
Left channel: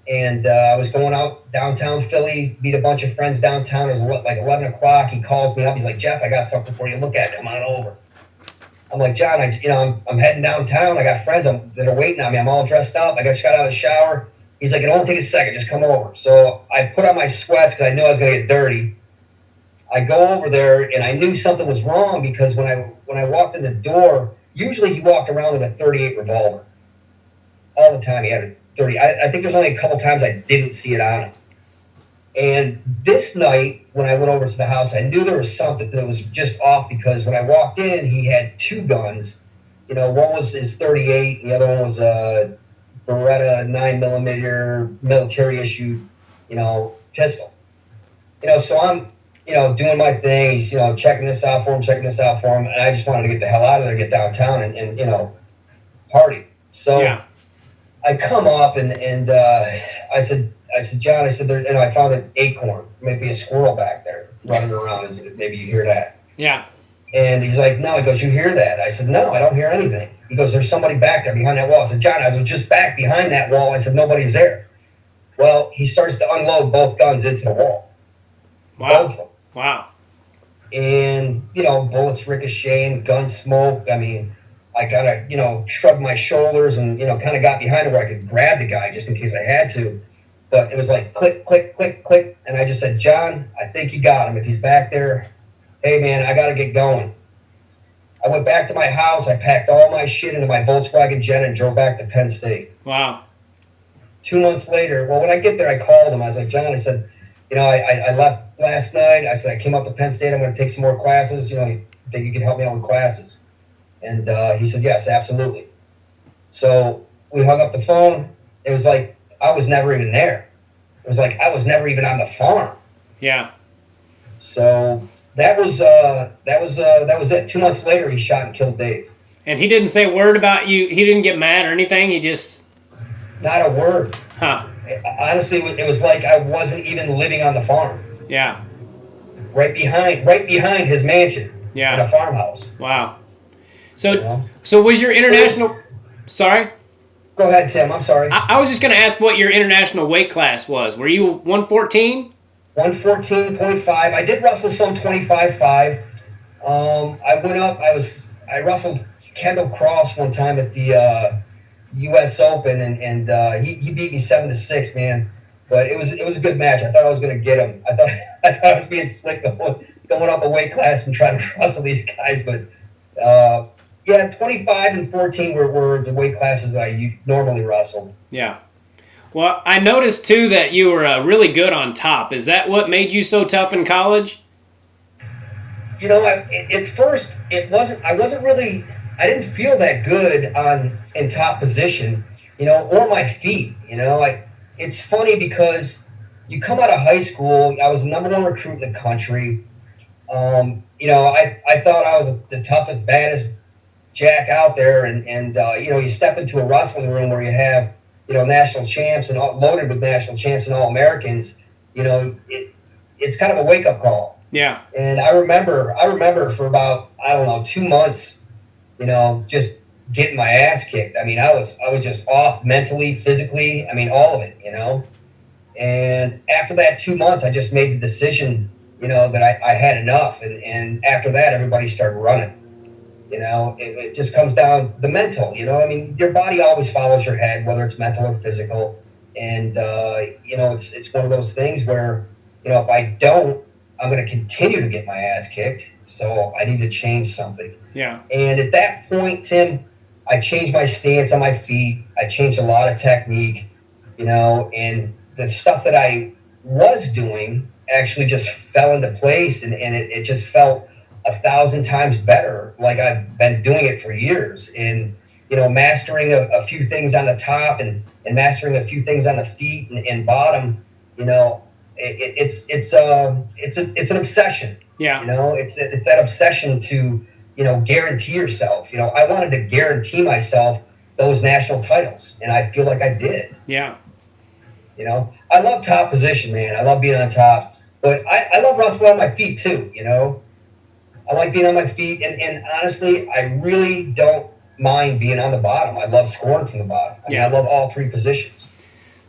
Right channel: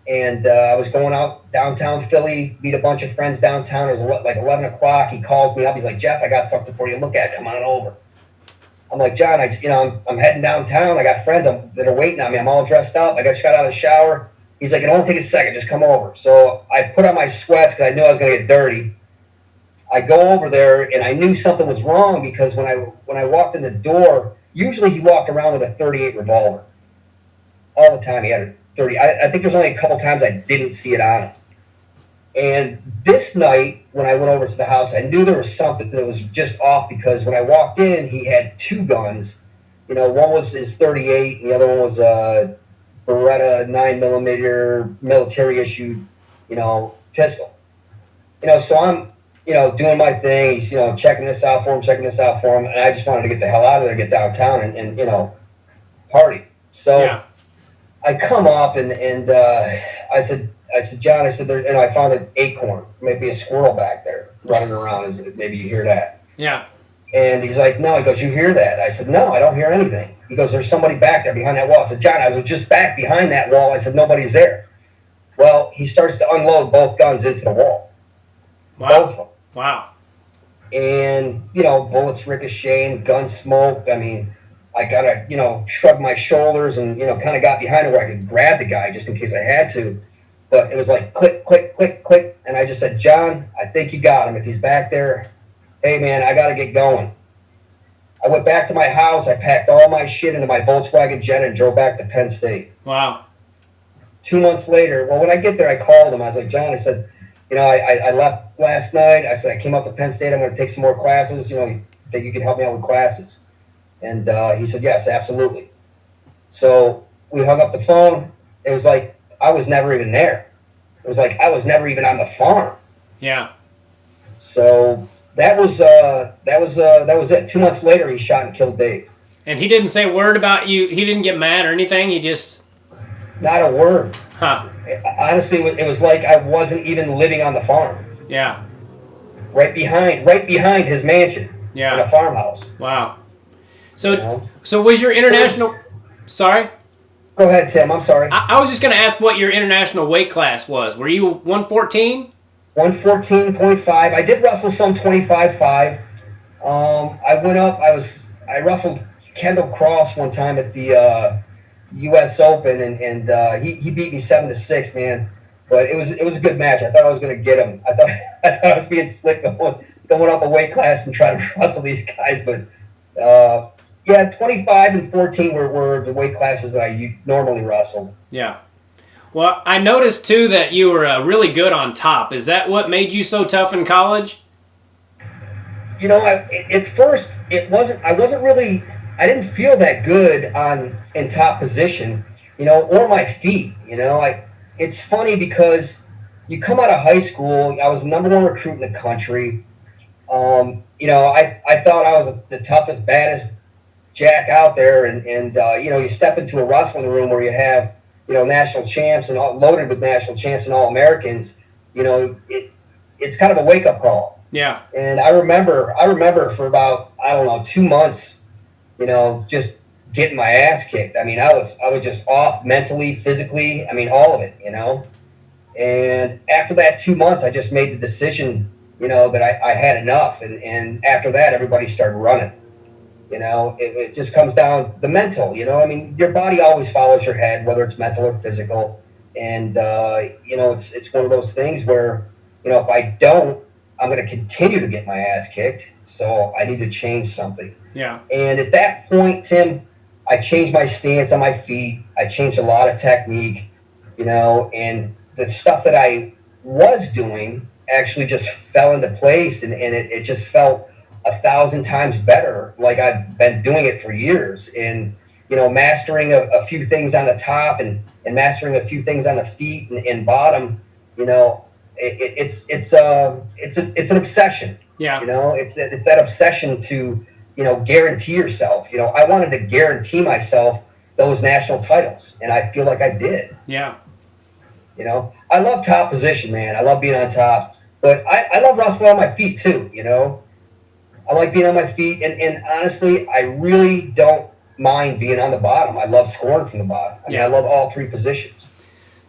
and I was going out downtown Philly, meet a bunch of friends downtown. It was like 11 o'clock. He calls me up. He's like, Jeff, I got something for you to look at. Come on over. I'm like, John, I'm heading downtown. I got friends that are waiting on me. I'm all dressed up. I just got out of the shower. He's like, it won't take a second. Just come over. So I put on my sweats because I knew I was going to get dirty. I go over there, and I knew something was wrong because when I walked in the door, usually he walked around with a .38 revolver. All the time he had a 30. I think there's only a couple times I didn't see it on him. And this night, when I went over to the house, I knew there was something that was just off because when I walked in, he had two guns. One was his 38, and the other one was a Beretta 9mm military issue, pistol. So I'm, doing my thing. He's, checking this out for him, and I just wanted to get the hell out of there, get downtown, and party. So yeah. I come up and I said, John, I said, and I found an acorn, maybe a squirrel back there running around. Maybe you hear that. Yeah. And he's like, no. He goes, you hear that? I said, no, I don't hear anything. He goes, there's somebody back there behind that wall. I said, John, I was just back behind that wall. I said, nobody's there. Well, he starts to unload both guns into the wall. Wow. Both of them. Wow. And, bullets ricocheting, gun smoke. I mean, I got to, shrug my shoulders and, kind of got behind it where I could grab the guy just in case I had to. But it was like click, click, click, click. And I just said, John, I think you got him. If he's back there, hey, man, I got to get going. I went back to my house. I packed all my shit into my Volkswagen Jetta and drove back to Penn State. Wow. 2 months later, well, when I get there, I called him. I was like, John, I said, I left last night. I said, I came up to Penn State. I'm going to take some more classes. You think you can help me out with classes? And he said, yes, absolutely. So we hung up the phone. It was like I was never even there. It was like I was never even on the farm. Yeah. So that was it. 2 months later, he shot and killed Dave. And he didn't say a word about you. He didn't get mad or anything. He just... Not a word. Huh. Honestly, it was like I wasn't even living on the farm. Yeah. Right behind his mansion. Yeah. In a farmhouse. Wow. So was your international... Sorry? Go ahead, Tim. I'm sorry. I was just going to ask what your international weight class was. Were you 114? 114.5. I did wrestle some 25.5. I went up. I wrestled Kendall Cross one time at the U.S. Open, and he beat me 7-6, man. But it was a good match. I thought I was going to get him. I thought I was being slick going up a weight class and trying to wrestle these guys, but. Yeah, 25 and 14 were the weight classes that I normally wrestled. Yeah. Well, I noticed, too, that you were really good on top. Is that what made you so tough in college? At first, I didn't feel that good in top position, or my feet. It's funny because you come out of high school, I was the number one recruit in the country. I thought I was the toughest, baddest Jack out there, and you step into a wrestling room where you have national champs and loaded with national champs and All-Americans. It's kind of a wake-up call. Yeah. And I remember for about 2 months, just getting my ass kicked. I mean, I was just off mentally, physically. I mean, all of it. And after that 2 months, I just made the decision, that I had enough. And after that, everybody started running. It just comes down the mental, I mean, your body always follows your head, whether it's mental or physical. And, it's one of those things where, if I don't, I'm going to continue to get my ass kicked. So I need to change something. Yeah. And at that point, Tim, I changed my stance on my feet. I changed a lot of technique, and the stuff that I was doing actually just fell into place, and it just felt 1,000 times better, like I've been doing it for years. And mastering a few things on the top and mastering a few things on the feet and bottom, it's an obsession. Yeah. It's that obsession to guarantee yourself. I wanted to guarantee myself those national titles, and I feel like I did. Yeah. You know, I love top position, man. I love being on top, but I love wrestling on my feet too. You know, I like being on my feet, and honestly, I really don't mind being on the bottom. I love scoring from the bottom. I mean, I love all three positions.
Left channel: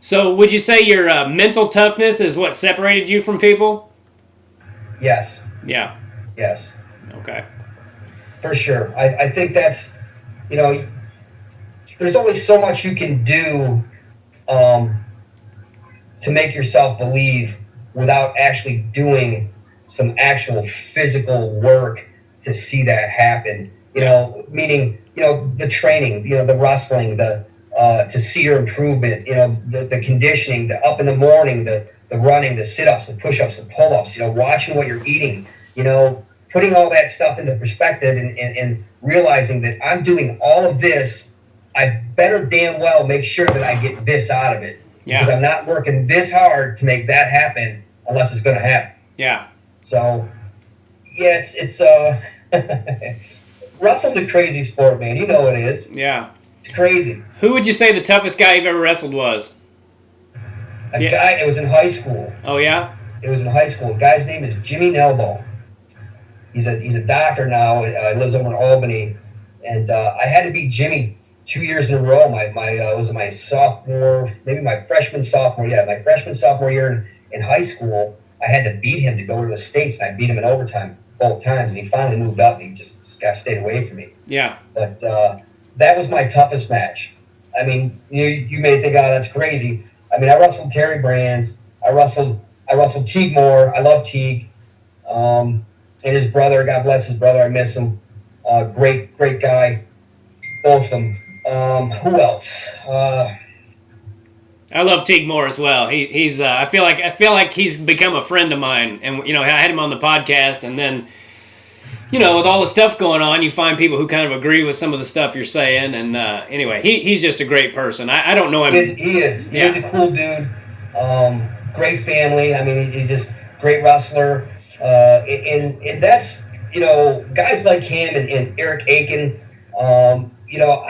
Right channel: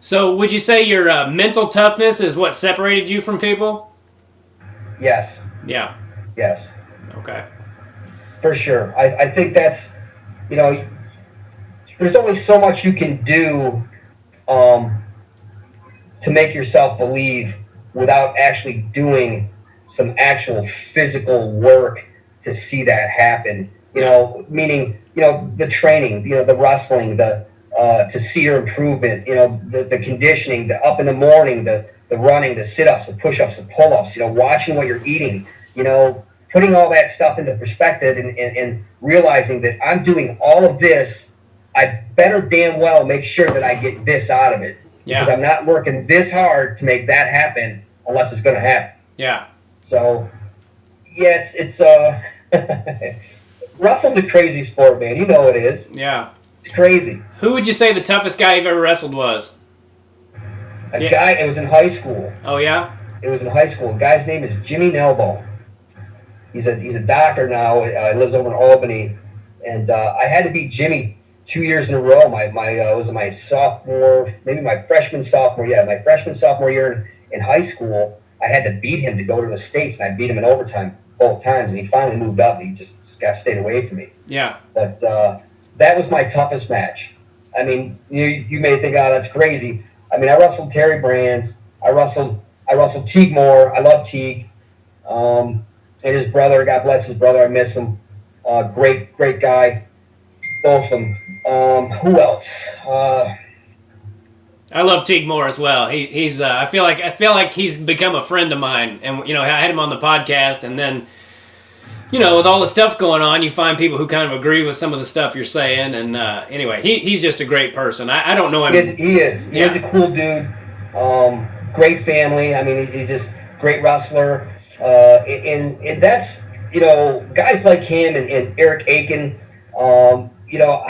So would you say your mental toughness is what separated you from people? Yes. Yeah. Yes. Okay. For sure. I think that's, you know, there's only so much you can do to make yourself believe without actually doing some actual physical work to see that happen. You know, meaning, you know, the training, you know, the wrestling, the to see your improvement, you know, the conditioning, the up in the morning, the running, the sit-ups, the push-ups, the pull-ups, you know, watching what you're eating, you know, putting all that stuff into perspective and realizing that I'm doing all of this, I better damn well make sure that I get this out of it. Because I'm not working this hard to make that happen unless it's going to happen. Yeah. So, yeah, it's wrestling's a crazy sport, man. You know it is. Yeah. It's crazy. Who would you say the toughest guy you've ever wrestled was? A guy, it was in high school. Oh, yeah? It was in high school. The guy's name is Jimmy Nelbone. He's a doctor now. He lives over in Albany. And I had to beat Jimmy 2 years in a row. Was it my sophomore, maybe my freshman, sophomore? Yeah, my freshman, sophomore year in high school, I had to beat him to go to the States, and I beat him in overtime both times, and he finally moved up, and he just got stayed away from me. Yeah. But that was my toughest match. I mean, you may think, oh, that's crazy. I mean, I wrestled Terry Brands. I wrestled Teague Moore. I love Teague. And his brother, God bless his brother, I miss him. Great guy. Both of them. Who else? I love Teague Moore as well. He's I feel like he's become a friend of mine, and you know, I had him on the podcast, and then, you know, with all the stuff going on, you find people who kind of agree with some of the stuff you're saying, and anyway, he's just a great person. I don't know him. He is. He's a cool dude. Great family. I mean, he's just great wrestler. And that's, you know, guys like him and Eric Aiken. You know,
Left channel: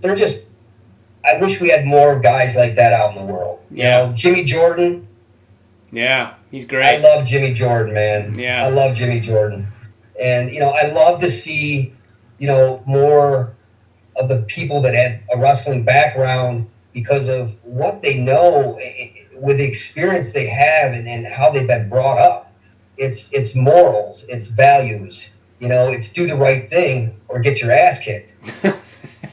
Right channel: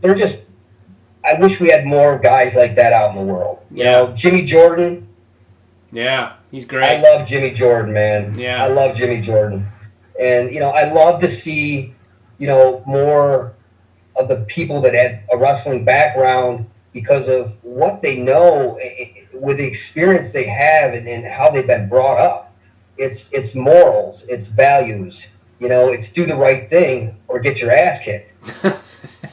they're just. I wish we had more guys like that out in the world. You know, Jimmy Jordan. Yeah, he's great. I love Jimmy Jordan, man. Yeah. I love Jimmy Jordan. And, you know, I love to see, you know, more of the people that had a wrestling background because of what they know with the experience they have and how they've been brought up. It's morals, it's values. You know, it's do the right thing or get your ass kicked.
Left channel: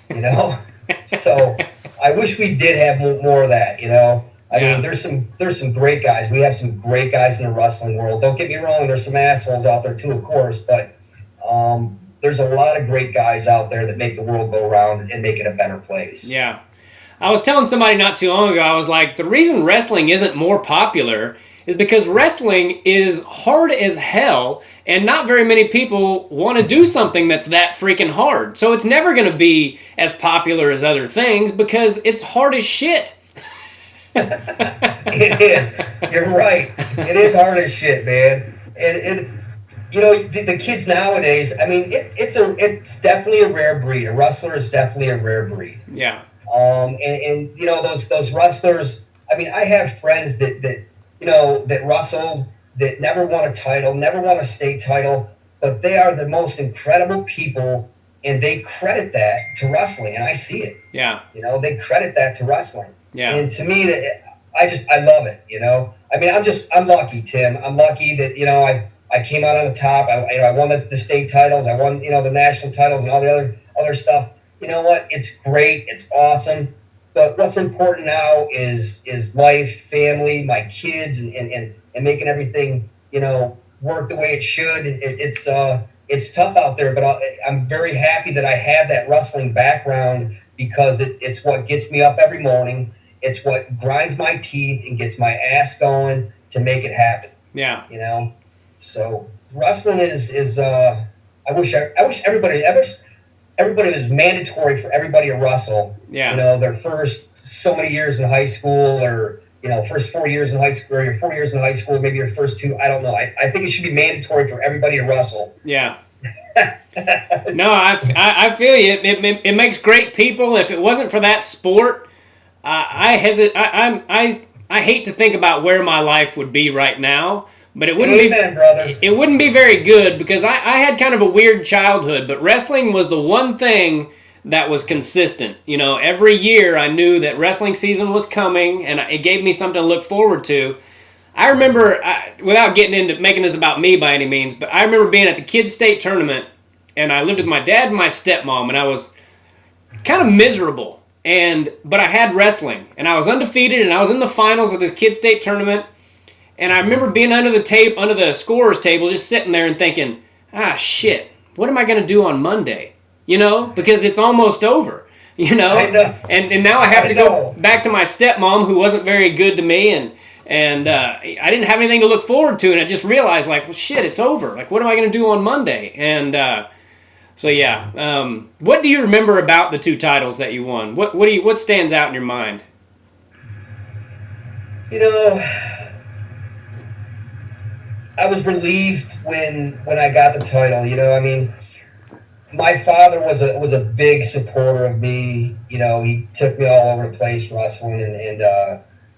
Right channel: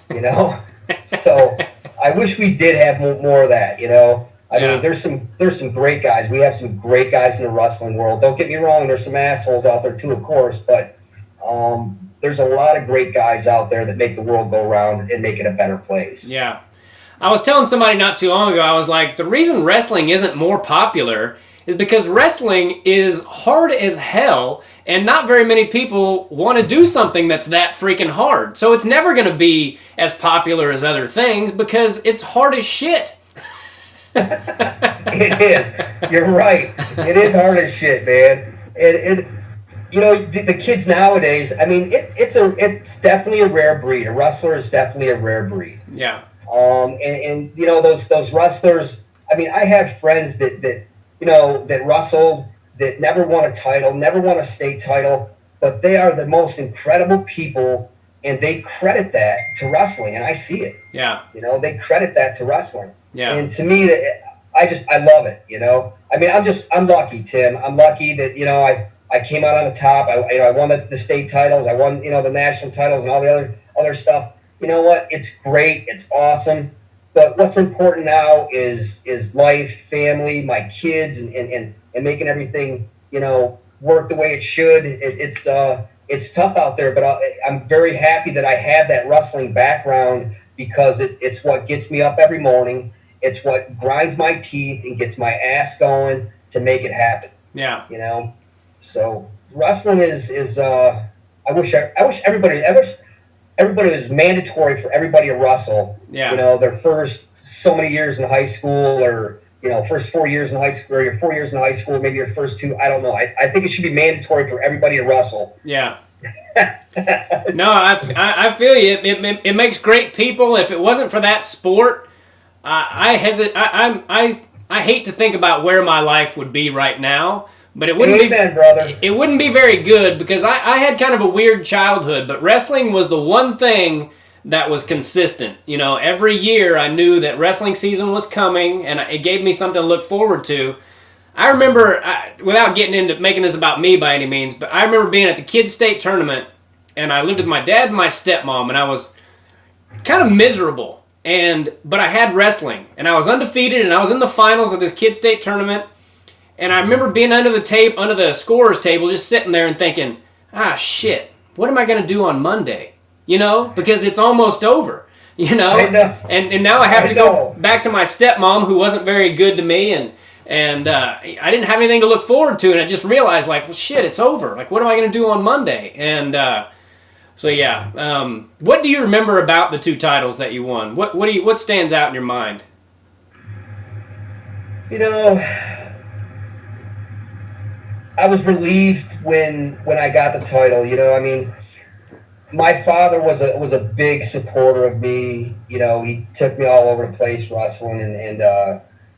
You know? So I wish we did have more of that, you know. I mean, there's some great guys. We have some great guys in the wrestling world. Don't get me wrong, there's some assholes out there too, of course, but there's a lot of great guys out there that make the world go round and make it a better place. Yeah. I was telling somebody not too long ago, I was like, the reason wrestling isn't more popular is because wrestling is hard as hell, and not very many people want to do something that's that freaking hard. So it's never going to be as popular as other things because it's hard as shit. It is. You're right. It is hard as shit, man. You know, the kids nowadays, I mean, it's definitely a rare breed. A wrestler is definitely a rare breed. Yeah. And you know, those wrestlers, I mean, I have friends that you know, that wrestled, that never won a title, never won a state title, but they are the most incredible people, and they credit that to wrestling, and I see it. Yeah. You know, they credit that to wrestling. Yeah. And to me, I love it, you know. I mean, I'm lucky, Tim. I'm lucky that, you know, I came out on the top. I won the state titles. I won, you know, the national titles and all the other stuff. You know what? It's great. It's awesome. But what's important now is life, family, my kids, and making everything, you know, work the way it should. It's tough out there, but I'm very happy that I have that wrestling background because it's what gets me up every morning. It's what grinds my teeth and gets my ass going to make it happen. Yeah. You know, so wrestling is I wish everybody was mandatory for everybody to wrestle. Yeah. You know, their first so many years in high school, or, you know, first 4 years in high school, or your 4 years in high school, maybe your first two. I don't know. I think it should be mandatory for everybody to wrestle. Yeah. No, I feel you. It makes great people. If it wasn't for that sport, I hate to think about where my life would be right now. But it wouldn't Amen, brother. it wouldn't be very good because I had kind of a weird childhood. But wrestling was the one thing that was consistent. You know, every year I knew that wrestling season was coming, and it gave me something to look forward to. I remember, without getting into making this about me by any means, but I remember being at the kids' state tournament, and I lived with my dad and my stepmom, and I was kind of miserable. But I had wrestling, and I was undefeated, and I was in the finals of this kids' state tournament. And I remember being under the scorer's table, just sitting there and thinking, shit, what am I going to do on Monday? You know, because it's almost over. You know, and now I have to go back to my stepmom, who wasn't very good to me, and I didn't have anything to look forward to, and I just realized, like, well, shit, it's over. Like, what am I going to do on Monday? And so yeah, what do you remember about the 2 titles that you won? What stands out in your mind? You know, I was relieved when I got the title. You know, I mean, my father was a big supporter of me. You know, he took me all over the place wrestling, and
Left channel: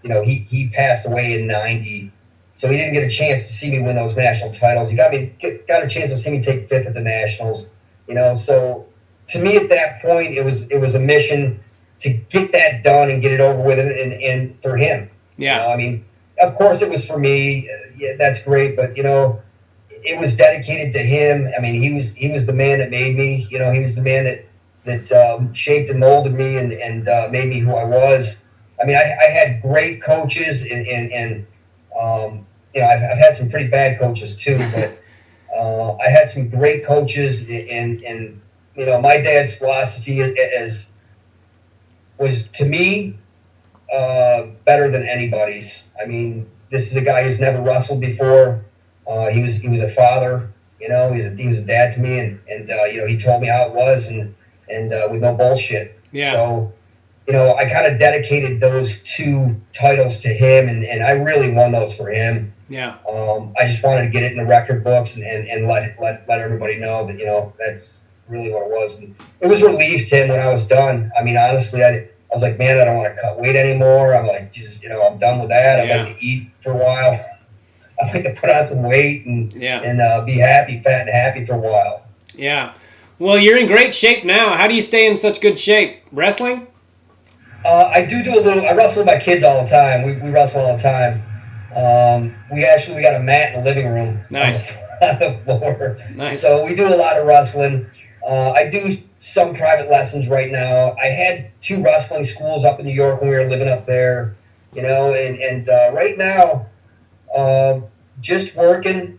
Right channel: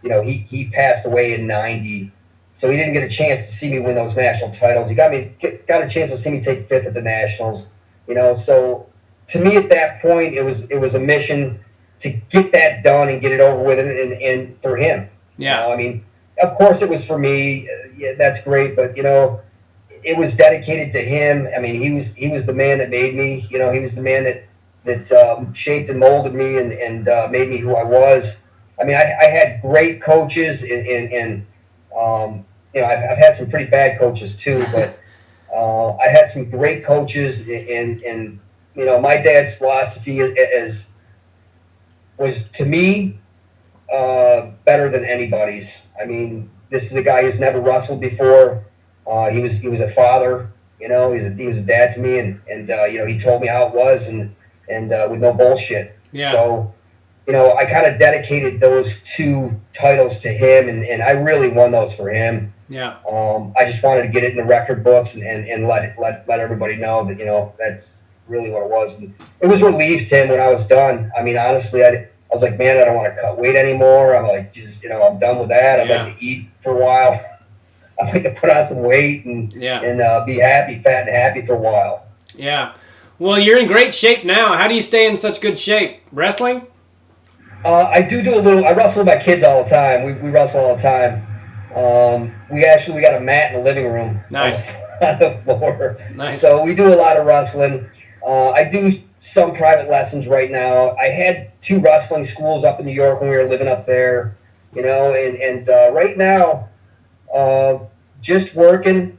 you know, he passed away in '90, so he didn't get a chance to see me win those national titles. He got a chance to see me take 5th at the nationals. You know, so to me at that point, it was a mission to get that done and get it over with, and for him. Yeah. You know, I mean, of course it was for me. Yeah, that's great, but you know, it was dedicated to him. I mean, he was the man that made me. You know, he was the man that shaped and molded me and made me who I was. I mean, I had great coaches, and you know, I've had some pretty bad coaches too, but I had some great coaches, and you know, my dad's philosophy was to me better than anybody's. I mean, this is a guy who's never wrestled before. He was a father, you know. He was a dad to me, and you know, he told me how it was, and with no bullshit. Yeah. So, you know, I kind of dedicated those 2 titles to him, and I really won those for him. Yeah. I just wanted to get it in the record books and let everybody know that, you know, that's really what it was. And it was relief to him when I was done. I mean, honestly, I was like, man, I don't want to cut weight anymore. I'm like, Jesus, you know, I'm done with that. Yeah. I like to eat for a while. I like to put on some weight and be happy, fat and happy for a while. Yeah. Well, you're in great shape now. How do you stay in such good shape? Wrestling? I do a little. I wrestle with my kids all the time. We wrestle all the time. We got a mat in the living room. Nice. On the floor. Nice. So we do a lot of wrestling. I do some private lessons right now. I had 2 wrestling schools up in New York when we were living up there, you know, and right now, just working.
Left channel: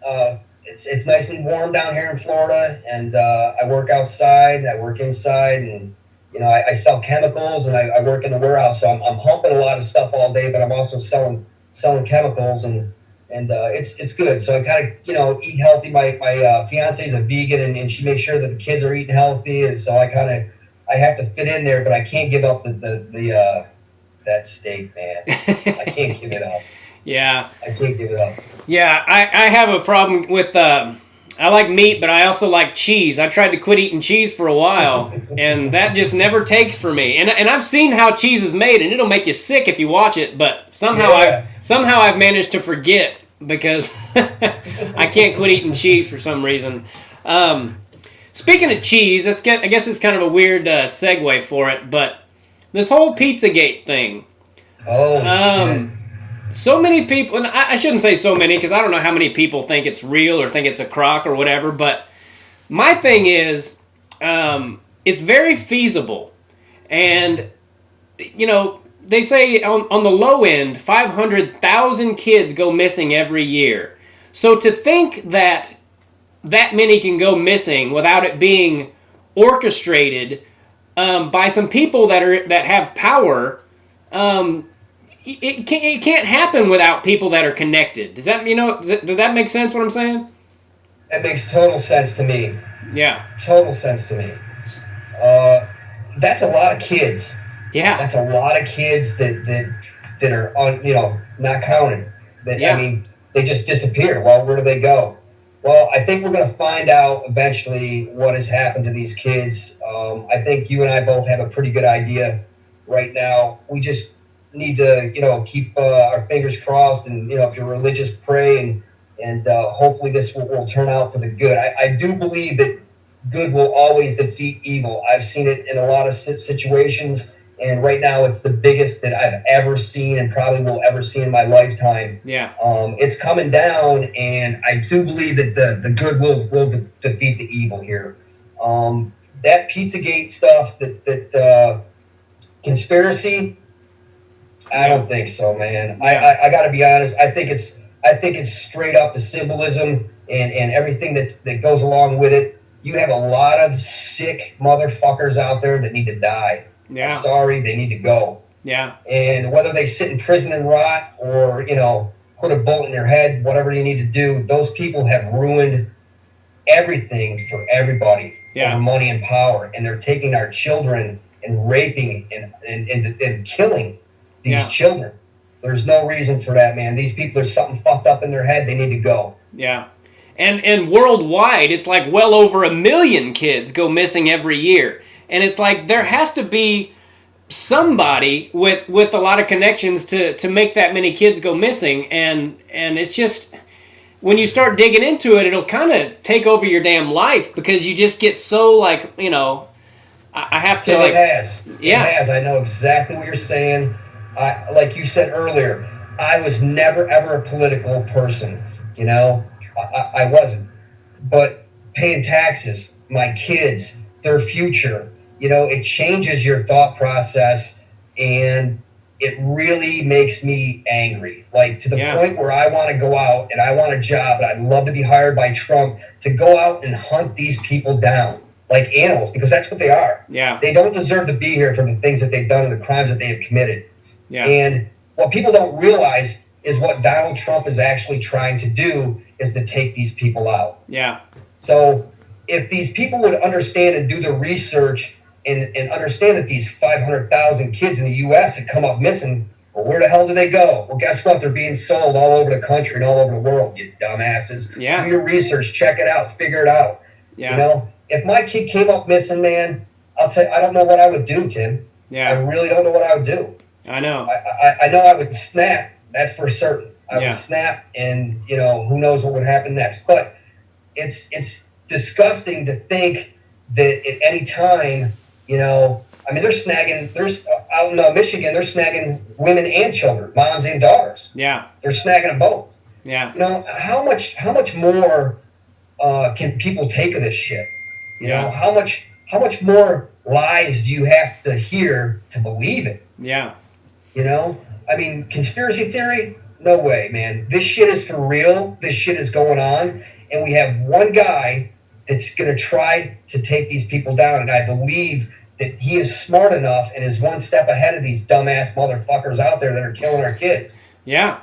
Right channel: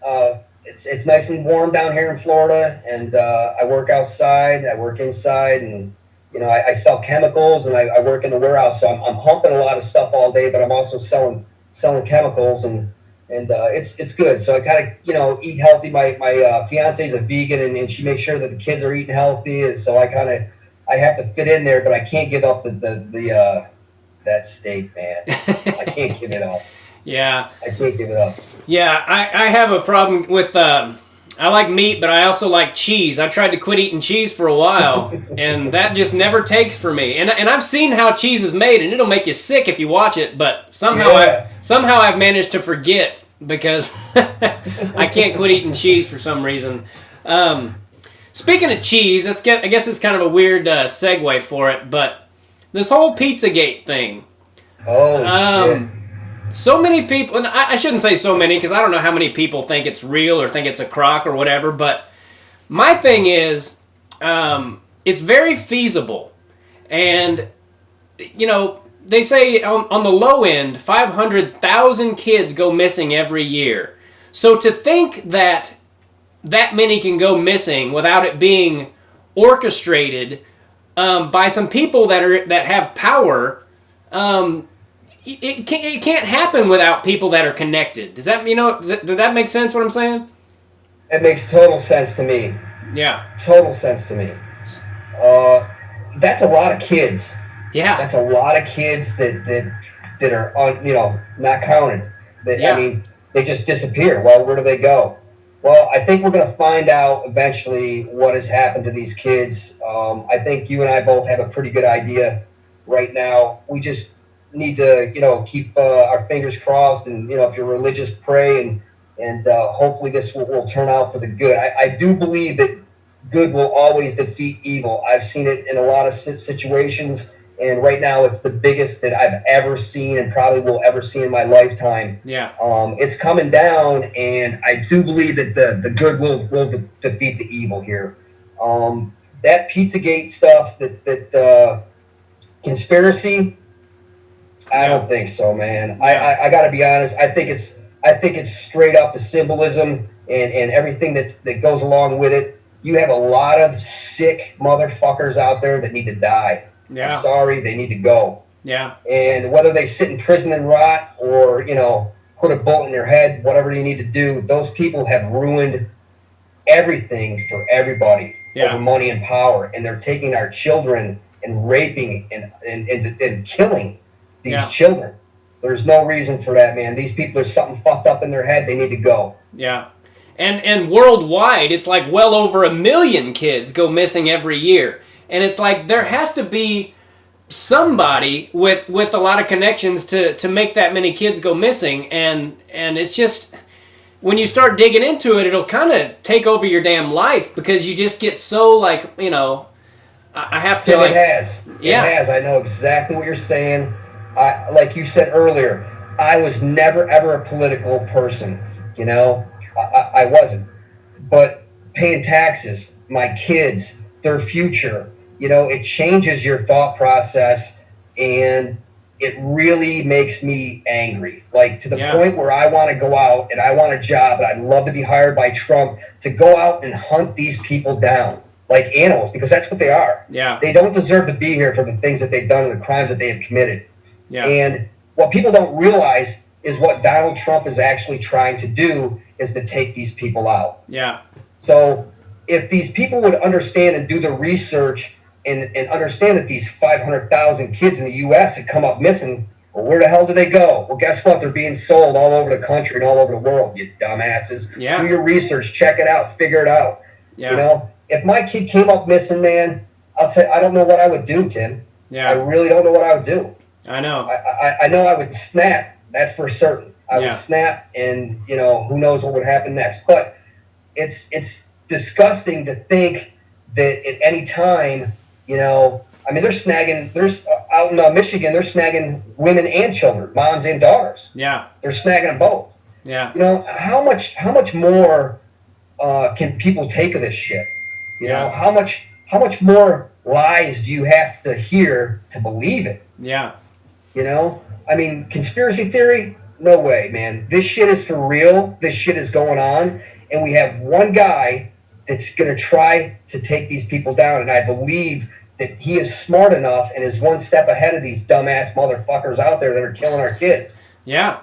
It's nice and warm down here in Florida, and I work outside, I work inside, and you know, I sell chemicals, and I work in the warehouse, so I'm humping a lot of stuff all day, but I'm also selling chemicals, and it's good. So I kind of, you know, eat healthy. My fiance is a vegan, and she makes sure that the kids are eating healthy, and so I have to fit in there, but I can't give up the that steak, man. I can't give it up. Yeah. I can't give it up. Yeah, I have a problem with I like meat, but I also like cheese. I tried to quit eating cheese for a while, and that just never takes for me. And I've seen how cheese is made, and it'll make you sick if you watch it. But somehow I've managed to forget because I can't quit eating cheese for some reason. Speaking of cheese, I guess it's kind of a weird segue for it, but this whole Pizzagate thing. Oh, shit. So many people, and I shouldn't say so many because I don't know how many people think it's real or think it's a crock or whatever, but my thing is, it's very feasible. And, you know, they say on the low end, 500,000 kids go missing every year. So to think that many can go missing without it being orchestrated by some people that have power, it can't happen without people that are connected. Does that make sense what I'm saying? It makes total sense to me. Yeah. Total sense to me. That's a lot of kids. Yeah. That's a lot of kids that are on, you know, not counted. I mean, they just disappear. Well, where do they go? Well, I think we're going to find out eventually what has happened to these kids. I think you and I both have a pretty good idea right now. We just need to, keep our fingers crossed, and if you're religious, pray, and hopefully this will turn out for the good. I do believe that good will always defeat evil. I've seen it in a lot of situations, and right now it's the biggest that I've ever seen and probably will ever see in my lifetime. Yeah. It's coming down, and I do believe that the good will defeat the evil here. That Pizzagate stuff, that conspiracy, I don't think so, man. Yeah. I got to be honest. I think it's straight up the symbolism and everything that goes along with it. You have a lot of sick motherfuckers out there that need to die. Yeah. I'm sorry, they need to go. Yeah. And whether they sit in prison and rot or, put a bullet in their head, whatever you need to do, those people have ruined everything for everybody over money and power. And they're taking our children and raping and killing these children. There's no reason for that, man. These people are something fucked up in their head. They need to go. Yeah. And worldwide, it's like well over 1 million kids go missing every year. And it's like there has to be somebody with a lot of connections to make that many kids go missing. And it's just, when you start digging into it, it'll kind of take over your damn life because you just get so like, I have to like... It has. Yeah. It has. I know exactly what you're saying. Like you said earlier, I was never, ever a political person, I wasn't. But paying taxes, my kids, their future, it changes your thought process, and it really makes me angry. Like to the point where I want to go out and I want a job and I'd love to be hired by Trump to go out and hunt these people down like animals, because that's what they are. Yeah. They don't deserve to be here for the things that they've done and the crimes that they have committed. Yeah. And what people don't realize is what Donald Trump is actually trying to do is to take these people out. Yeah. So if these people would understand and do the research and understand that these 500,000 kids in the U.S. that come up missing, well, where the hell do they go? Well, guess what? They're being sold all over the country and all over the world, you dumbasses. Yeah. Do your research, check it out, figure it out. Yeah. If my kid came up missing, man, I'll tell you, I don't know what I would do, Tim. Yeah. I really don't know what I would do. I know. I know I would snap. That's for certain. I would snap, and who knows what would happen next. But it's disgusting to think that at any time, there's out in Michigan, they're snagging women and children, moms and daughters. Yeah. They're snagging them both. Yeah. How much more can people take of this shit? How much more lies do you have to hear to believe it? Yeah. Conspiracy theory? No way, man. This shit is for real. This shit is going on. And we have one guy that's going to try to take these people down. And I believe that he is smart enough and is one step ahead of these dumbass motherfuckers out there that are killing our kids. Yeah.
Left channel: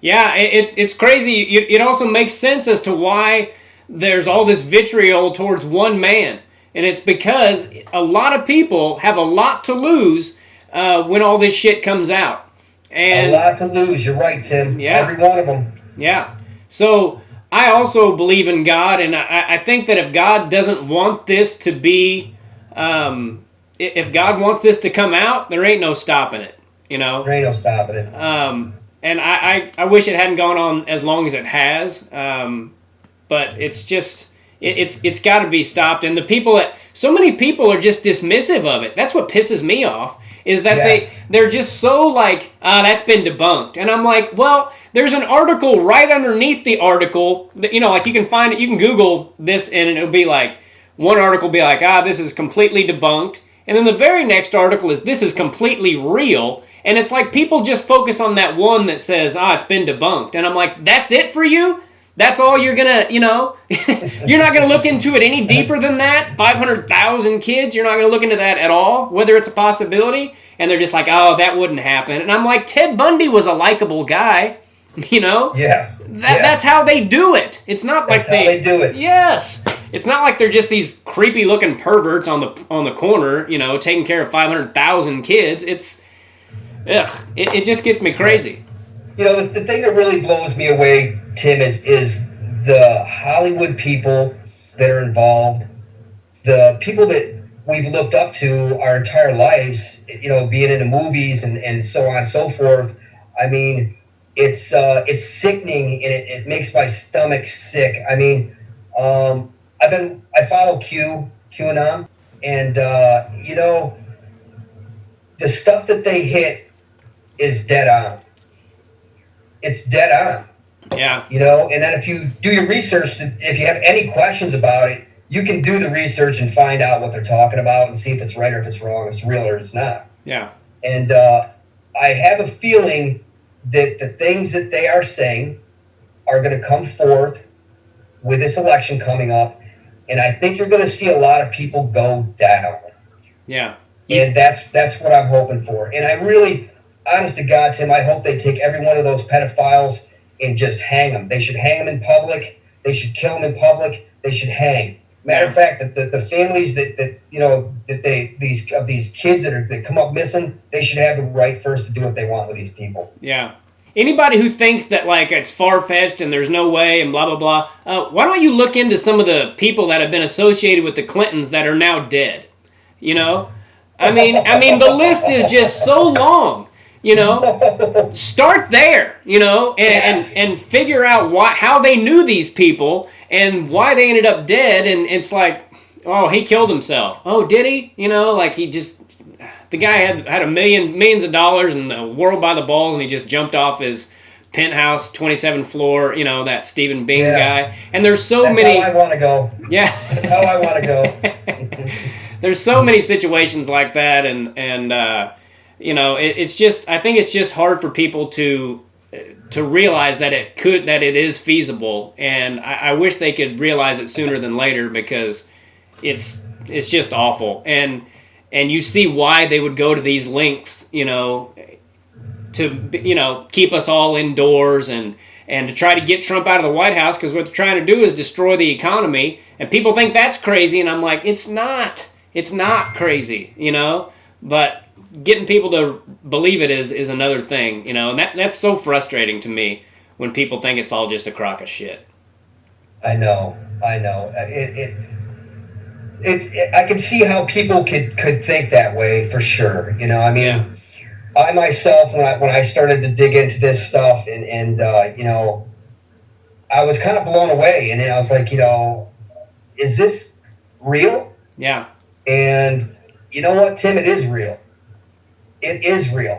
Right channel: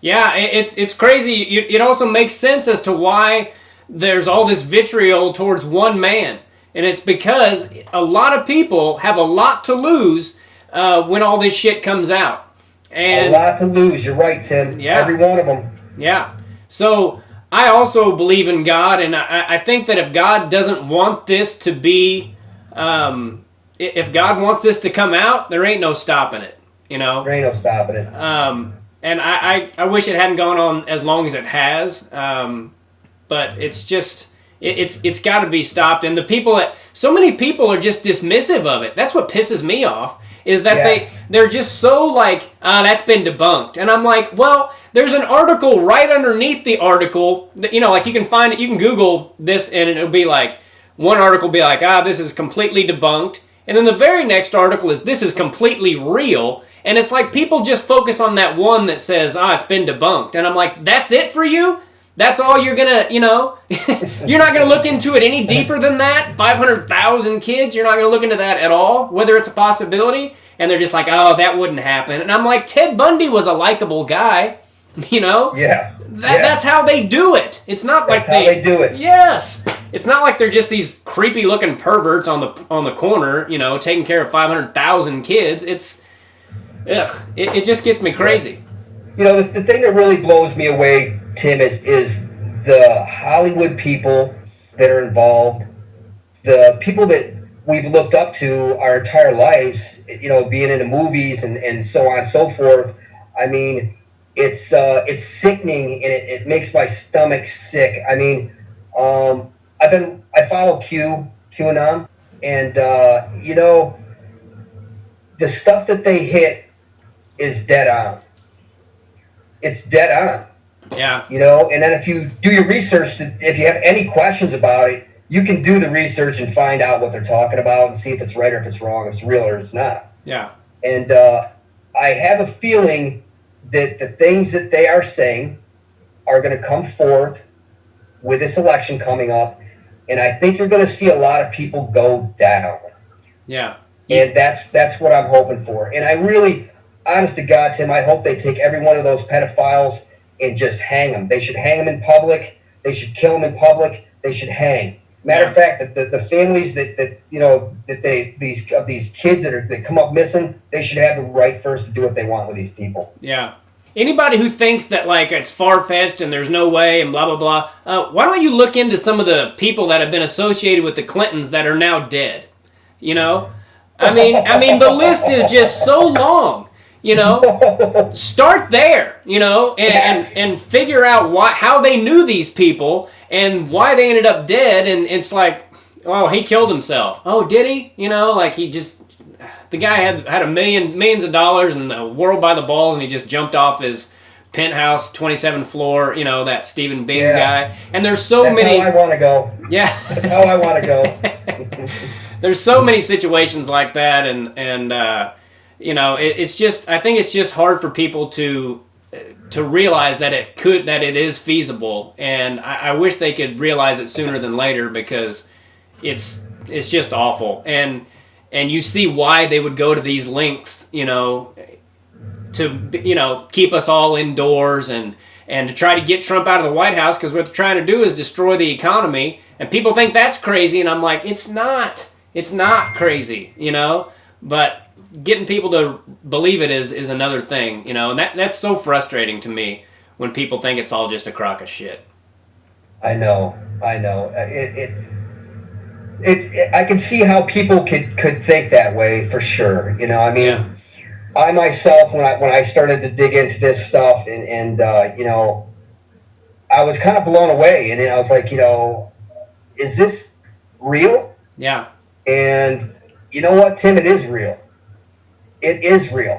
Yeah, it's crazy. It also makes sense as to why there's all this vitriol towards one man. And it's because a lot of people have a lot to lose when all this shit comes out. And a lot to lose. You're right, Tim. Yeah. Every one of them. Yeah. So I also believe in God, and I think that if God doesn't want this to be, if God wants this to come out, there ain't no stopping it, There ain't no stopping it. And I wish it hadn't gone on as long as it has, but it's just, it's got to be stopped. And so many people are just dismissive of it. That's what pisses me off. Is that they're just so like, that's been debunked. And I'm like, well, there's an article right underneath the article that, like you can find it, you can Google this and it'll be like, one article will be like, this is completely debunked. And then the very next article is, this is completely real. And it's like people just focus on that one that says, it's been debunked. And I'm like, that's it for you? That's all you're going to, you're not going to look into it any deeper than that? 500,000 kids, you're not going to look into that at all, whether it's a possibility? And they're just like, that wouldn't happen. And I'm like, Ted Bundy was a likable guy, Yeah. That's how they do it. It's not that's like how they do it. Yes. It's not like they're just these creepy looking perverts on the corner, taking care of 500,000 kids. It just gets me crazy. The thing that really blows me away, Tim, is the Hollywood people that are involved, the people that we've looked up to our entire lives, being in the movies and so on and so forth. I mean, it's sickening, and it makes my stomach sick. I mean, I follow QAnon, and the stuff that they hit is dead on. It's dead on. Yeah. And then if you do your research, if you have any questions about it, you can do the research and find out what they're talking about and see if it's right or if it's wrong, if it's real or it's not. Yeah. And I have a feeling that the things that they are saying are going to come forth with this election coming up, and I think you're going to see a lot of people go down. Yeah. And that's what I'm hoping for. And I really, honest to God, Tim, I hope they take every one of those pedophiles and just hang them. They should hang them in public. They should kill them in public. They should hang. Matter of fact, that the families these kids that come up missing, they should have the right first to do what they want with these people. Yeah. Anybody who thinks that like it's far-fetched and there's no way and blah blah blah, why don't you look into some of the people that have been associated with the Clintons that are now dead? I mean the list is just so long. Start there, and figure out how they knew these people and why they ended up dead. And it's like, oh, he killed himself. Oh, did he? The guy had millions of dollars and the world by the balls, and he just jumped off his penthouse, 27th floor, that Stephen Bing guy. And there's that's many. That's how I want to go. Yeah. That's how I want to go. There's so many situations like that, and it's just, I think it's just hard for people to realize that it is feasible, and I wish they could realize it sooner than later, because it's just awful, and you see why they would go to these lengths, to keep us all indoors and to try to get Trump out of the White House, because what they're trying to do is destroy the economy, and people think that's crazy, and I'm like, it's not crazy, but getting people to believe it is another thing, and that's so frustrating to me when people think it's all just a crock of shit. I know. I can see how people could think that way, for sure. I myself, when I started to dig into this stuff, and I was kind of blown away, and I was like, is this real? Yeah. And you know what, Tim? It is real. It is real.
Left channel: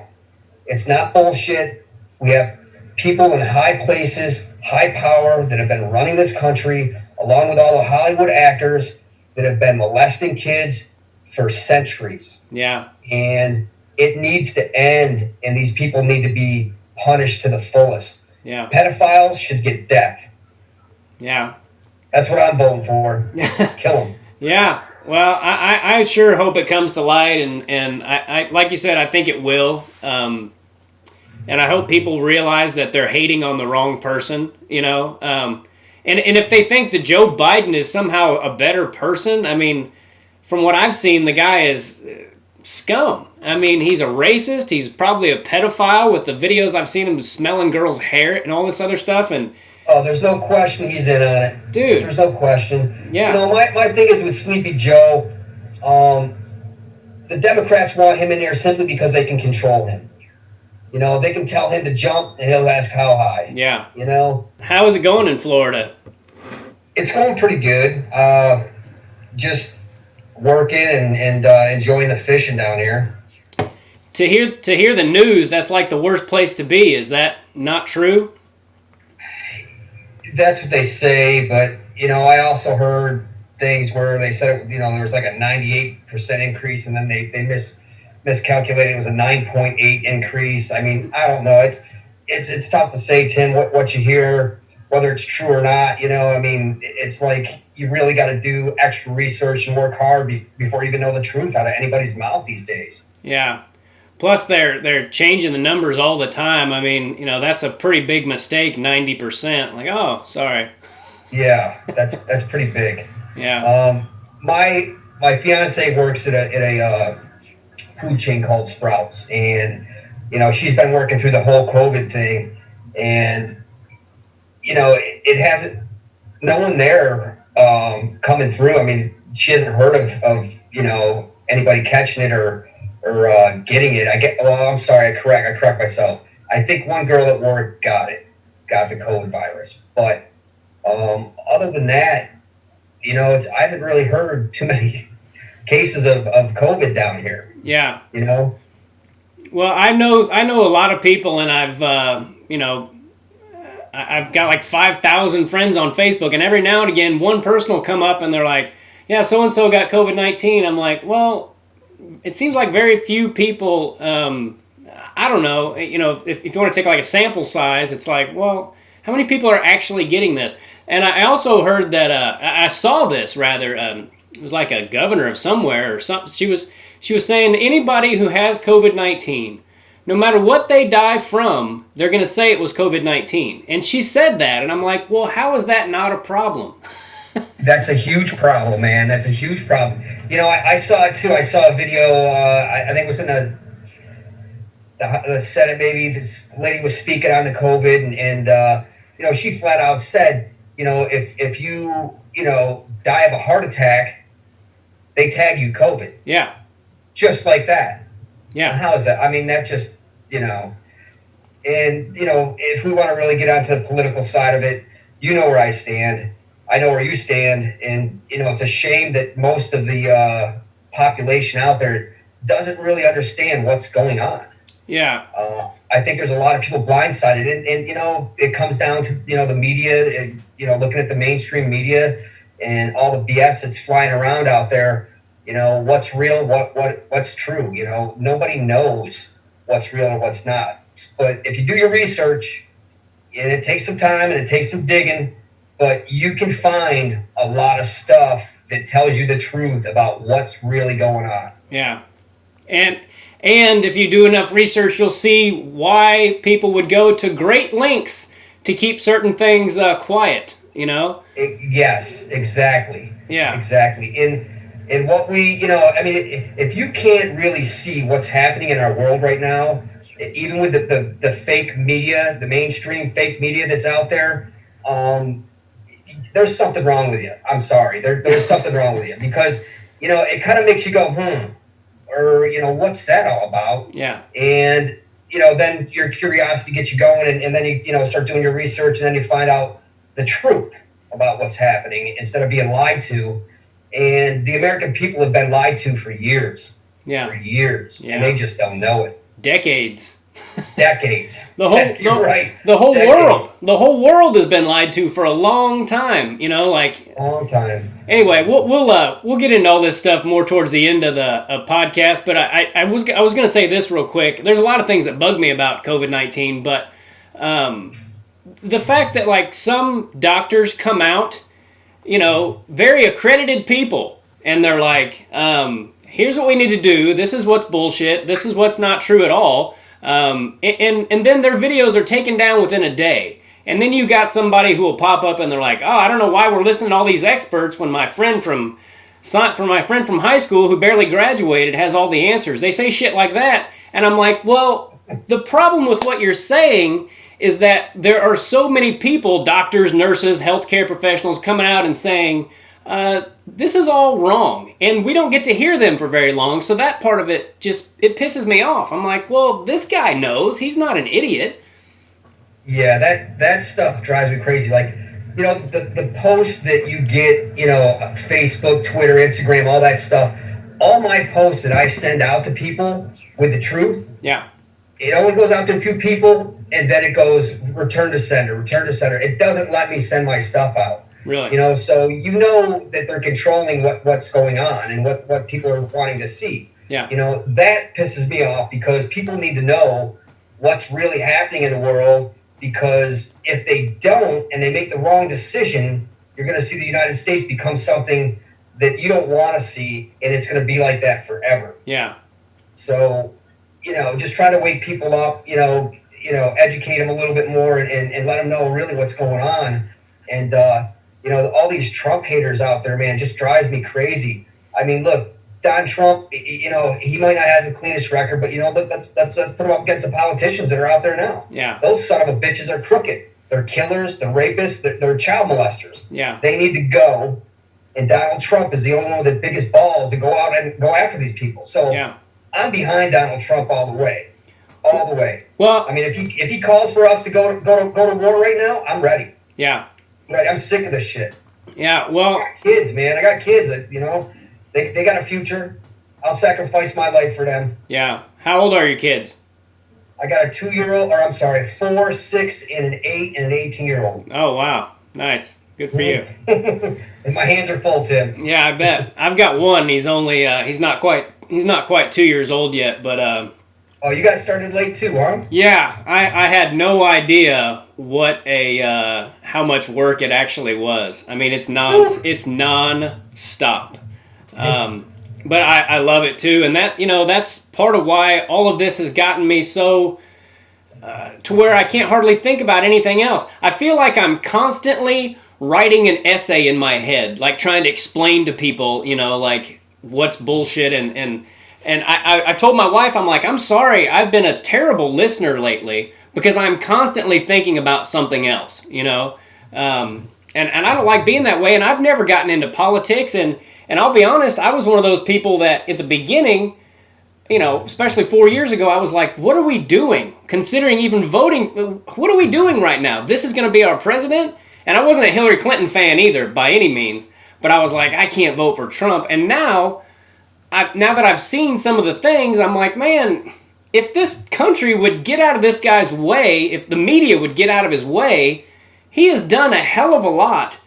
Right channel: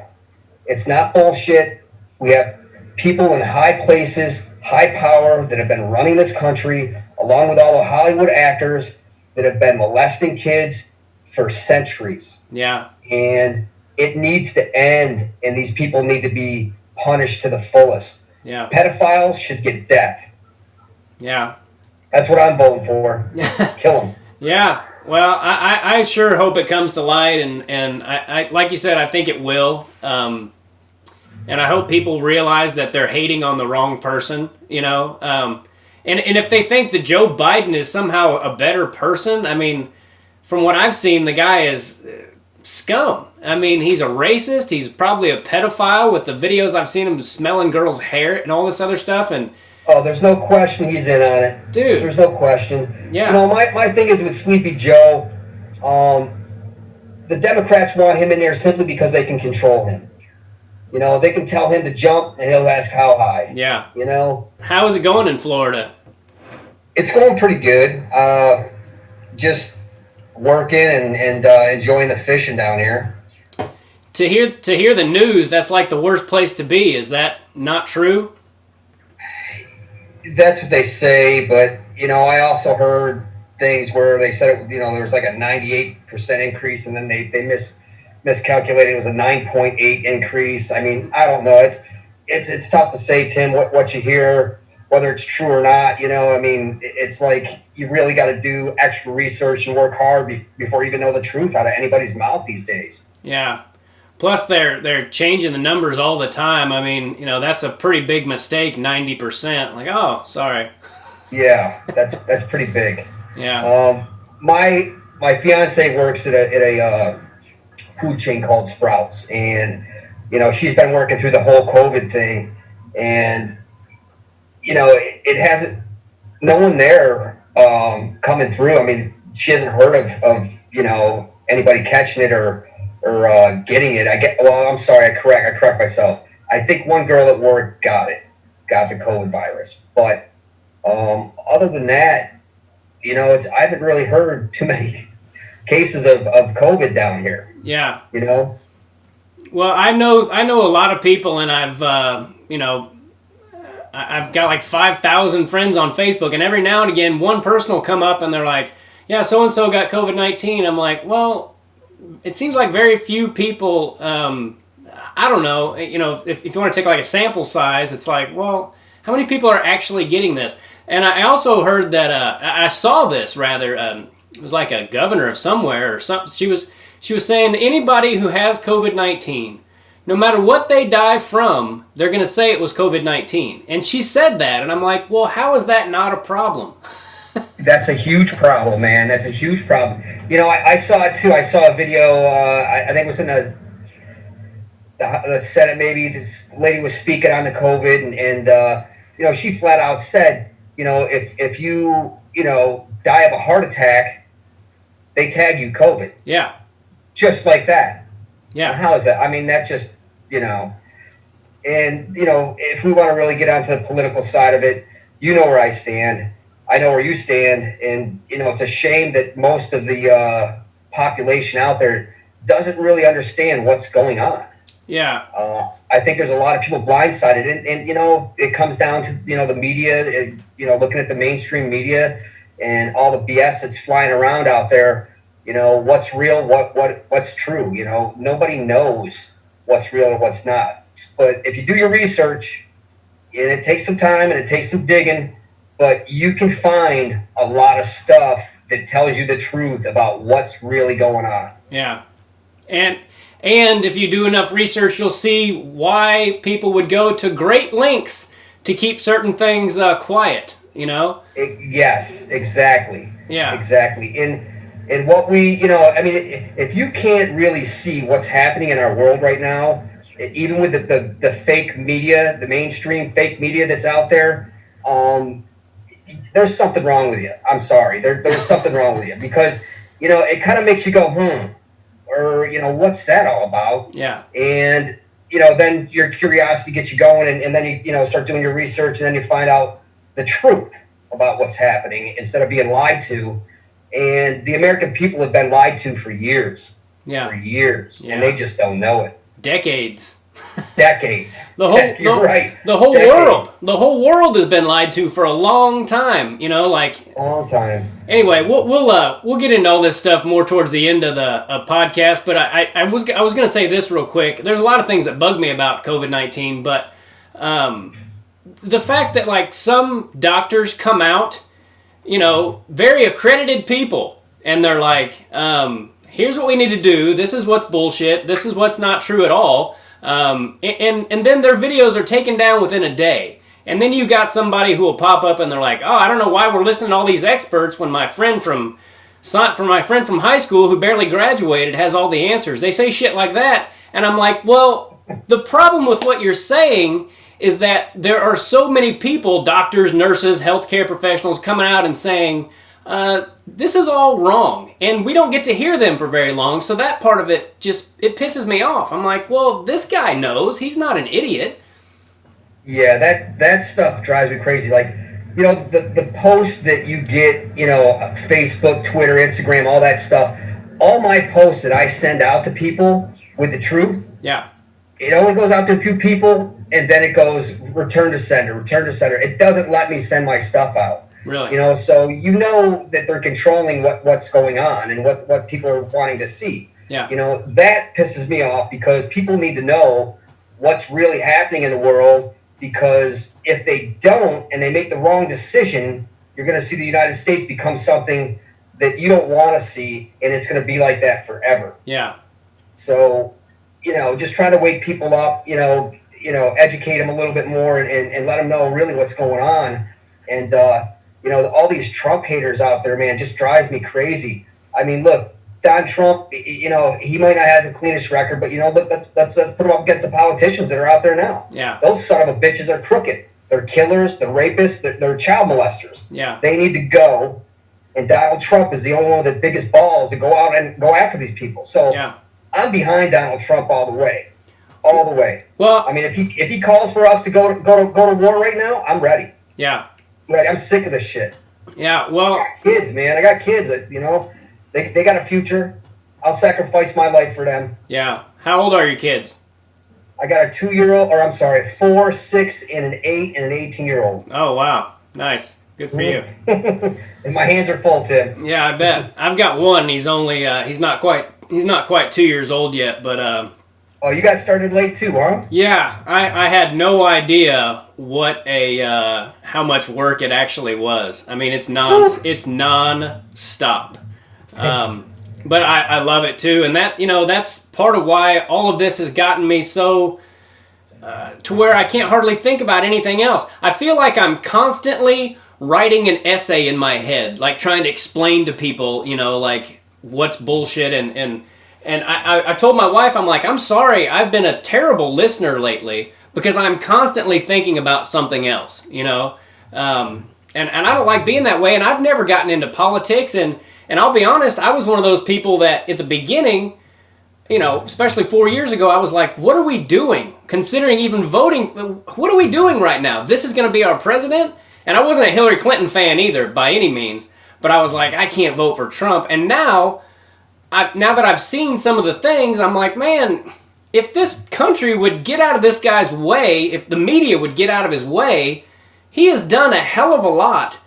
It's not bullshit. We have people in high places, high power, that have been running this country, along with all the Hollywood actors that have been molesting kids for centuries. Yeah. And it needs to end, and these people need to be punished to the fullest. Yeah. Pedophiles should get death. Yeah. That's what I'm voting for. Kill them. Yeah. Well, I sure hope it comes to light, and I like you said, I think it will. And I hope people realize that they're hating on the wrong person, And if they think that Joe Biden is somehow a better person, I mean, from what I've seen, the guy is scum. I mean, he's a racist. He's probably a pedophile with the videos I've seen him smelling girls' hair and all this other stuff. And oh, there's no question he's in on it. Dude. There's no question. Yeah. My thing is with Sleepy Joe, the Democrats want him in there simply because they can control him. They can tell him to jump, and he'll ask how high. Yeah. How is it going in Florida? It's going pretty good. Just working and enjoying the fishing down here. To hear the news, that's like the worst place to be. Is that not true? That's what they say, but I also heard things where they said there was like a 98% increase, and then they miscalculated. It was a 9.8 increase. I mean, I don't know. It's tough to say, Tim, what you hear, whether it's true or not. I mean, it's like you really got to do extra research and work hard before you even know the truth out of anybody's mouth these days. Yeah. Plus, they're changing the numbers all the time. I mean, that's a pretty big mistake, 90%. Like, oh, sorry. Yeah, that's pretty big. Yeah. My fiance works at a food chain called Sprouts, and she's been working through the whole COVID thing, and it hasn't no one there coming through. I mean, she hasn't heard of anybody catching it or getting it. I'm sorry, I correct myself. I think one girl at work got the COVID virus, but other than that, I haven't really heard too many cases of COVID down here. Yeah. Well, I know a lot of people, and I've got like 5,000 friends on Facebook, and every now and again, one person will come up and they're like, yeah, so-and-so got COVID-19. I'm like, well, it seems like very few people, I don't know, if you want to take like a sample size, it's like, well, how many people are actually getting this? And I also heard that, I saw this rather, it was like a governor of somewhere or something. She was saying anybody who has COVID-19, no matter what they die from, they're going to say it was COVID-19. And she said that, and I'm like, well, how is that not a problem? That's a huge problem, man. That's a huge problem. I saw it too. I saw a video, I think it was in the Senate maybe. This lady was speaking on the COVID, and she flat out said, if you, die of a heart attack, they tag you COVID. Yeah. Just like that. Yeah. And how is that? I mean, that just, and, if we want to really get onto the political side of it, where I stand. I know where you stand. And, it's a shame that most of the population out there doesn't really understand what's going on. Yeah. I think there's a lot of people blindsided. And it comes down to, the media, looking at the mainstream media and all the BS that's flying around out there. What's real, what's true. Nobody knows what's real or what's not. But if you do your research, and it takes some time and it takes some digging, but you can find a lot of stuff that tells you the truth about what's really going on. Yeah. And if you do enough research, you'll see why people would go to great lengths to keep certain things quiet, Yes, exactly. Yeah. Exactly. And what we, if you can't really see what's happening in our world right now, even with the fake media, the mainstream fake media that's out there, there's something wrong with you. I'm sorry. There's something wrong with you because, it kind of makes you go, or, what's that all about? Yeah. And, then your curiosity gets you going and then you start doing your research and then you find out the truth about what's happening instead of being lied to. And the American people have been lied to for years. Yeah. For years. Yeah. And they just don't know it. Decades. Decades. You're right. The whole Decades. world. The whole world has been lied to for a long time. A long time. Anyway, we'll get into all this stuff more towards the end of the podcast. But I was going to say this real quick. There's a lot of things that bug me about COVID-19, but the fact that some doctors come out, very accredited people, and they're like, here's what we need to do. This is what's bullshit. This is what's not true at all. And then their videos are taken down within a day. And then you got somebody who will pop up and they're like, oh, I don't know why we're listening to all these experts when my friend from high school who barely graduated has all the answers. They say shit like that. And I'm like, well, the problem with what you're saying is that there are so many people, doctors, nurses, healthcare professionals, coming out and saying, this is all wrong. And we don't get to hear them for very long. So that part of it it pisses me off. I'm like, well, this guy knows. He's not an idiot. Yeah, that stuff drives me crazy. The posts that you get, Facebook, Twitter, Instagram, all that stuff, all my posts that I send out to people with the truth. Yeah. It only goes out to a few people, and then it goes return to sender. It doesn't let me send my stuff out. Really? So that they're controlling what's going on and what people are wanting to see. Yeah. That pisses me off because people need to know what's really happening in the world, because if they don't and they make the wrong decision, you're going to see the United States become something that you don't want to see, and it's going to be like that forever. Yeah. So, just trying to wake people up, educate them a little bit more and let them know really what's going on. And, all these Trump haters out there, man, just drives me crazy. I mean, look, Don Trump, he might not have the cleanest record, but, let's put him up against the politicians that are out there now. Yeah. Those son of a bitches are crooked. They're killers, they're rapists, they're child molesters. Yeah. They need to go. And Donald Trump is the only one with the biggest balls to go out and go after these people. So Yeah. I'm behind Donald Trump all the way. All the way. Well, I mean, if he calls for us to go to war right now, I'm ready. Yeah. Ready. I'm sick of this shit. Yeah. Well, I got kids, man. I got kids. You know, they got a future. I'll sacrifice my life for them. Yeah. How old are your kids? I got a 2-year-old, or I'm sorry, 4, 6, and an 8, and an 18-year-old. Oh wow, nice. Good for you. And my hands are full, Tim. Yeah, I bet. I've got one. He's only he's not quite 2 years old yet, but Oh, you got started late too, huh? yeah, I had no idea what how much work it actually was. I mean, it's non-stop. But I love it too, and that's part of why all of this has gotten me so to where I can't hardly think about anything else. I feel like I'm constantly writing an essay in my head, like trying to explain to people, like what's bullshit, and I told my wife, I'm like, I'm sorry, I've been a terrible listener lately because I'm constantly thinking about something else, and I don't like being that way, and I've never gotten into politics, and I'll be honest, I was one of those people that at the beginning, especially 4 years ago, I was like, what are we doing? Considering even voting, what are we doing right now? This is going to be our president? And I wasn't a Hillary Clinton fan either, by any means, but I was like, I can't vote for Trump. And now that I've seen some of the things, I'm like, man, if this country would get out of this guy's way, if the media would get out of his way, he has done a hell of a lot.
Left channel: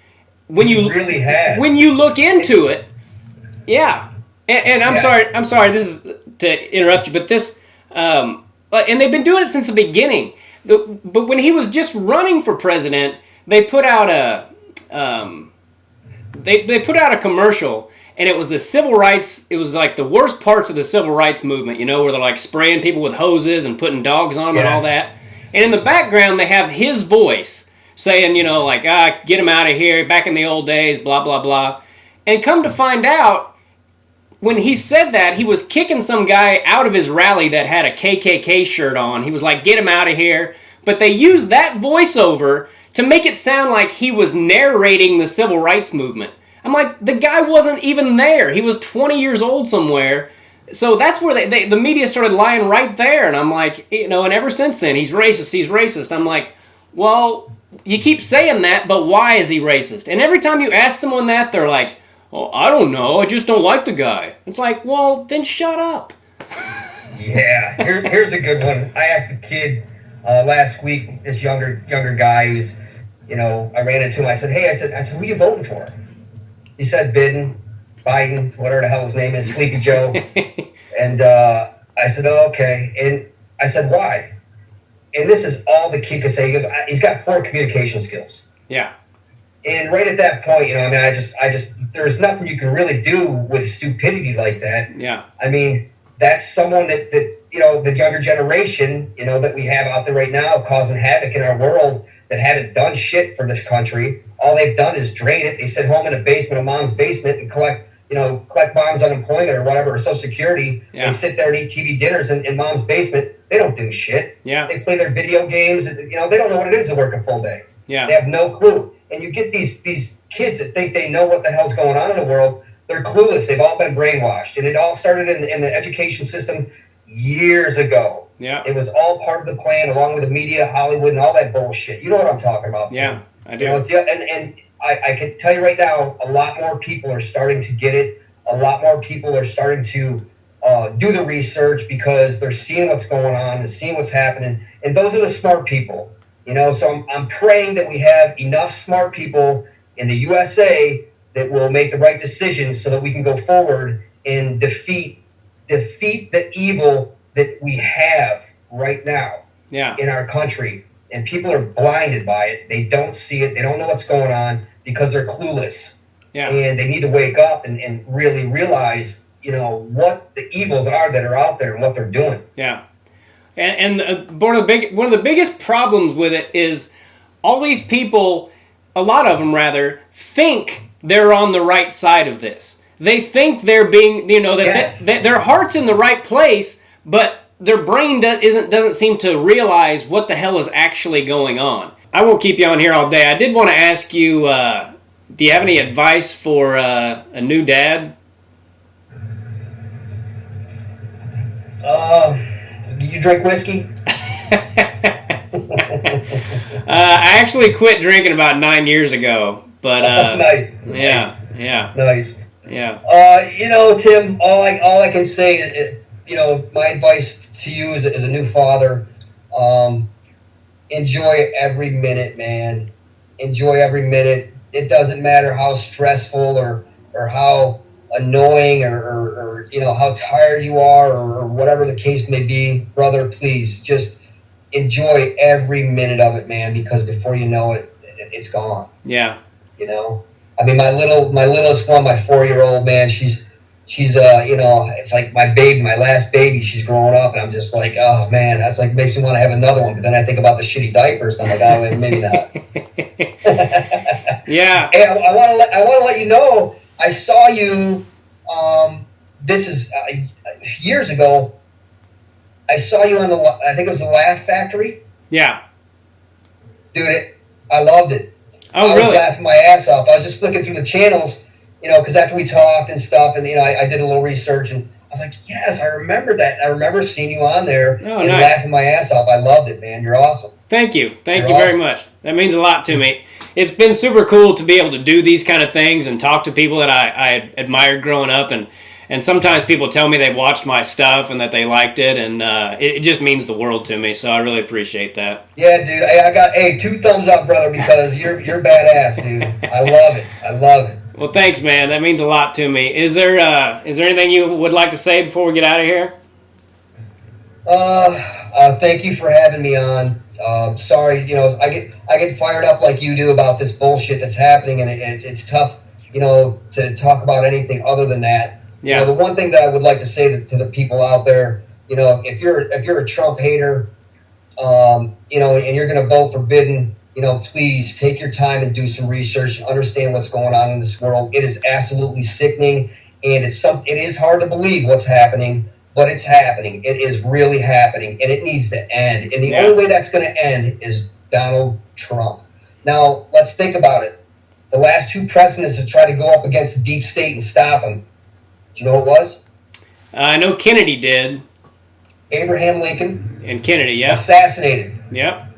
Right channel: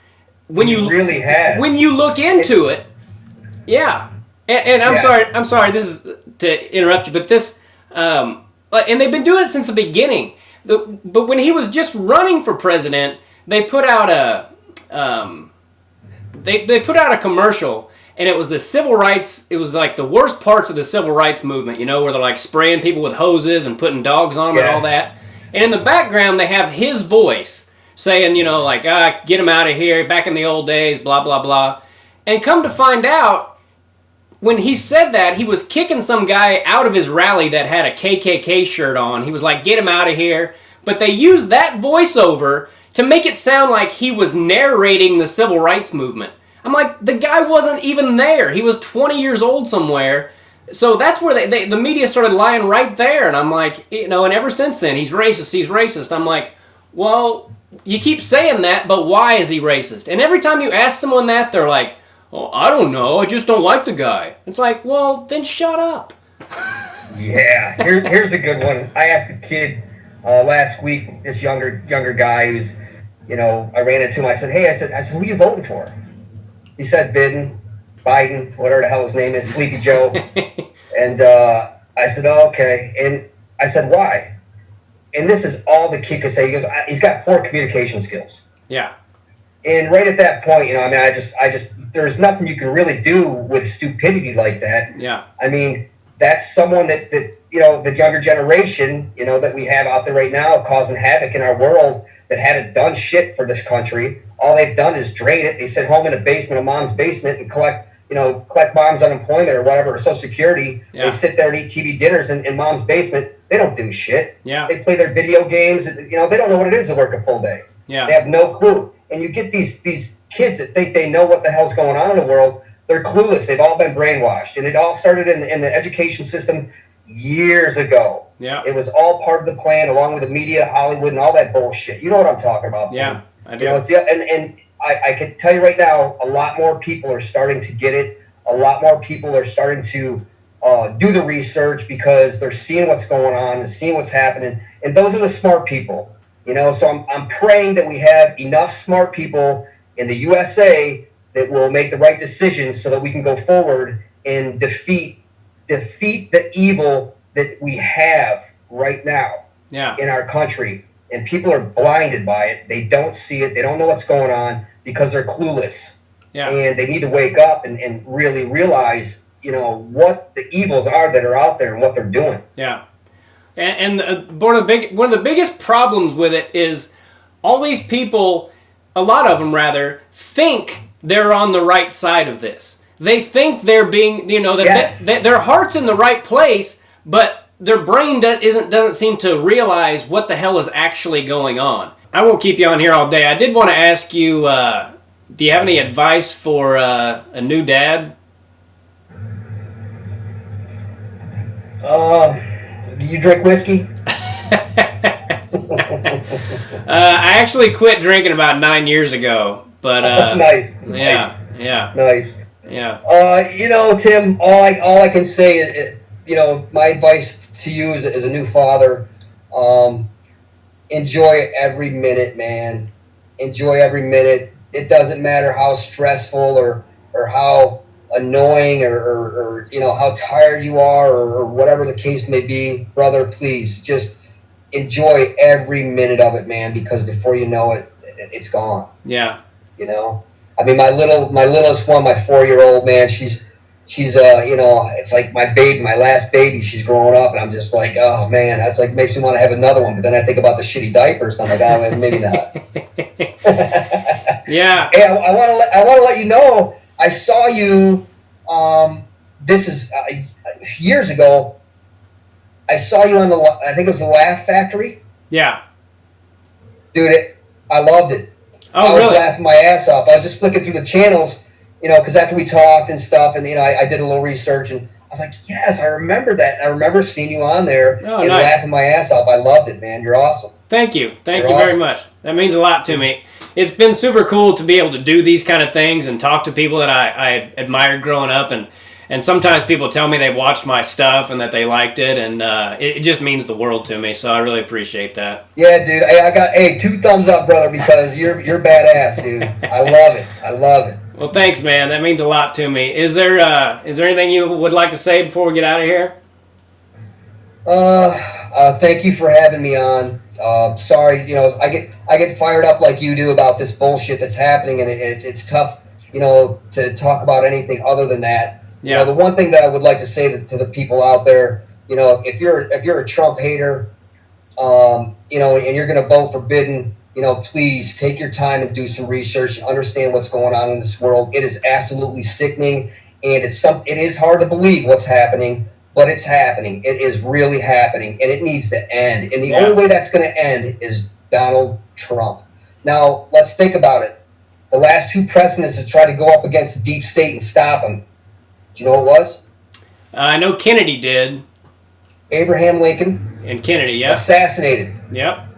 When you really has. When you look into it, yeah. And I'm sorry, this is to interrupt you, but this, and they've been doing it since the beginning. But when he was just running for president, they put out they put out a commercial, and it was the civil rights. It was like the worst parts of the civil rights movement, where they're like spraying people with hoses and putting dogs on them and all that. And in the background, they have his voice saying, get him out of here, back in the old days, blah, blah, blah. And come to find out, when he said that, he was kicking some guy out of his rally that had a KKK shirt on. He was like, get him out of here. But they used that voiceover to make it sound like he was narrating the civil rights movement. I'm like, the guy wasn't even there. He was 20 years old somewhere. So that's where the media started lying right there. And I'm like, and ever since then, he's racist. I'm like, well, you keep saying that, but why is he racist? And every time you ask someone that, they're like, oh, I don't know. I just don't like the guy. It's like, well, then shut up. Yeah. Here's a good one. I asked a kid last week, this younger guy who's, I ran into him. I said, hey, I said, who are you voting for? He said Biden, whatever the hell his name is, Sleepy Joe. And I said, oh, okay. And I said, why? And this is all the kid could say. He goes, he's got poor communication skills. Yeah. And right at that point, I just, there's nothing you can really do with stupidity like that. Yeah. I mean, that's someone that the younger generation, that we have out there right now causing havoc in our world that haven't done shit for this country. All they've done is drain it. They sit home in a basement, a mom's basement, and collect mom's unemployment or whatever, or Social Security. Yeah. They sit there and eat TV dinners in mom's basement. They don't do shit. Yeah. They play their video games. They don't know what it is to work a full day. Yeah. They have no clue. And you get these kids that think they know what the hell's going on in the world. They're clueless. They've all been brainwashed. And it all started in the education system years ago. Yeah. It was all part of the plan, along with the media, Hollywood, and all that bullshit. You know what I'm talking about, too. Yeah, I do. And I can tell you right now, a lot more people are starting to get it. A lot more people are starting to do the research because they're seeing what's going on and seeing what's happening. And those are the smart people. So I'm praying that we have enough smart people in the USA that will make the right decisions so that we can go forward and defeat the evil that we have right now in our country. And people are blinded by it. They don't see it. They don't know what's going on because they're clueless. Yeah. And they need to wake up and really realize, what the evils are that are out there and what they're doing. Yeah. And one of the biggest problems with it is all these people, a lot of them rather, think they're on the right side of this. They think they're being, that their heart's in the right place, but their brain doesn't seem to realize what the hell is actually going on. I won't keep you on here all day. I did want to ask you, do you have any advice for a new dad? You drink whiskey? I actually quit drinking about 9 years ago, but Nice. nice. Tim, all I can say is, my advice to you as a new father, enjoy every minute, man. Enjoy every minute. It doesn't matter how stressful or how annoying or how tired you are or whatever the case may be, brother. Please just enjoy every minute of it, man. Because before you know it, it's gone. Yeah. I mean, my littlest one, my 4-year-old, man. She's it's like my baby, my last baby. She's growing up, and I'm just like, oh man, that's like makes me want to have another one. But then I think about the shitty diapers. And I'm like, oh, maybe not. Yeah. Hey, I want to let you know. I saw you. This is years ago. I saw you on I think it was the Laugh Factory. Yeah. Dude, I loved it. Oh, I really? was laughing my ass off. I was just flicking through the channels, because after we talked and stuff, and I did a little research, and I was like, yes, I remember that. I remember seeing you on there and nice. laughing my ass off. I loved it, man. You're awesome. Thank you. Thank You're you very awesome. much. That means a lot to me. It's been super cool to be able to do these kind of things and talk to people that I admired growing up, and sometimes people tell me they watched my stuff and that they liked it, and it just means the world to me. So I really appreciate that. Yeah, dude. I got 2 thumbs up, brother, because you're badass, dude. I love it. I love it. Well, thanks, man. That means a lot to me. Is there anything you would like to say before we get out of here? Thank you for having me on. Sorry, I get fired up like you do about this bullshit that's happening, and it's tough, to talk about anything other than that. Yeah. The one thing that I would like to say to the people out there, if you're a Trump hater, and you're going to vote for Biden, please take your time and do some research and understand what's going on in this world. It is absolutely sickening, and it is hard to believe what's happening, but it's happening. It is really happening, and it needs to end. And the only way that's going to end is Donald Trump. Now, let's think about it. The last 2 presidents have tried to go up against the deep state and stop him. Do you know what it was? I know Kennedy did. Abraham Lincoln. And Kennedy, yeah. Assassinated. Yep.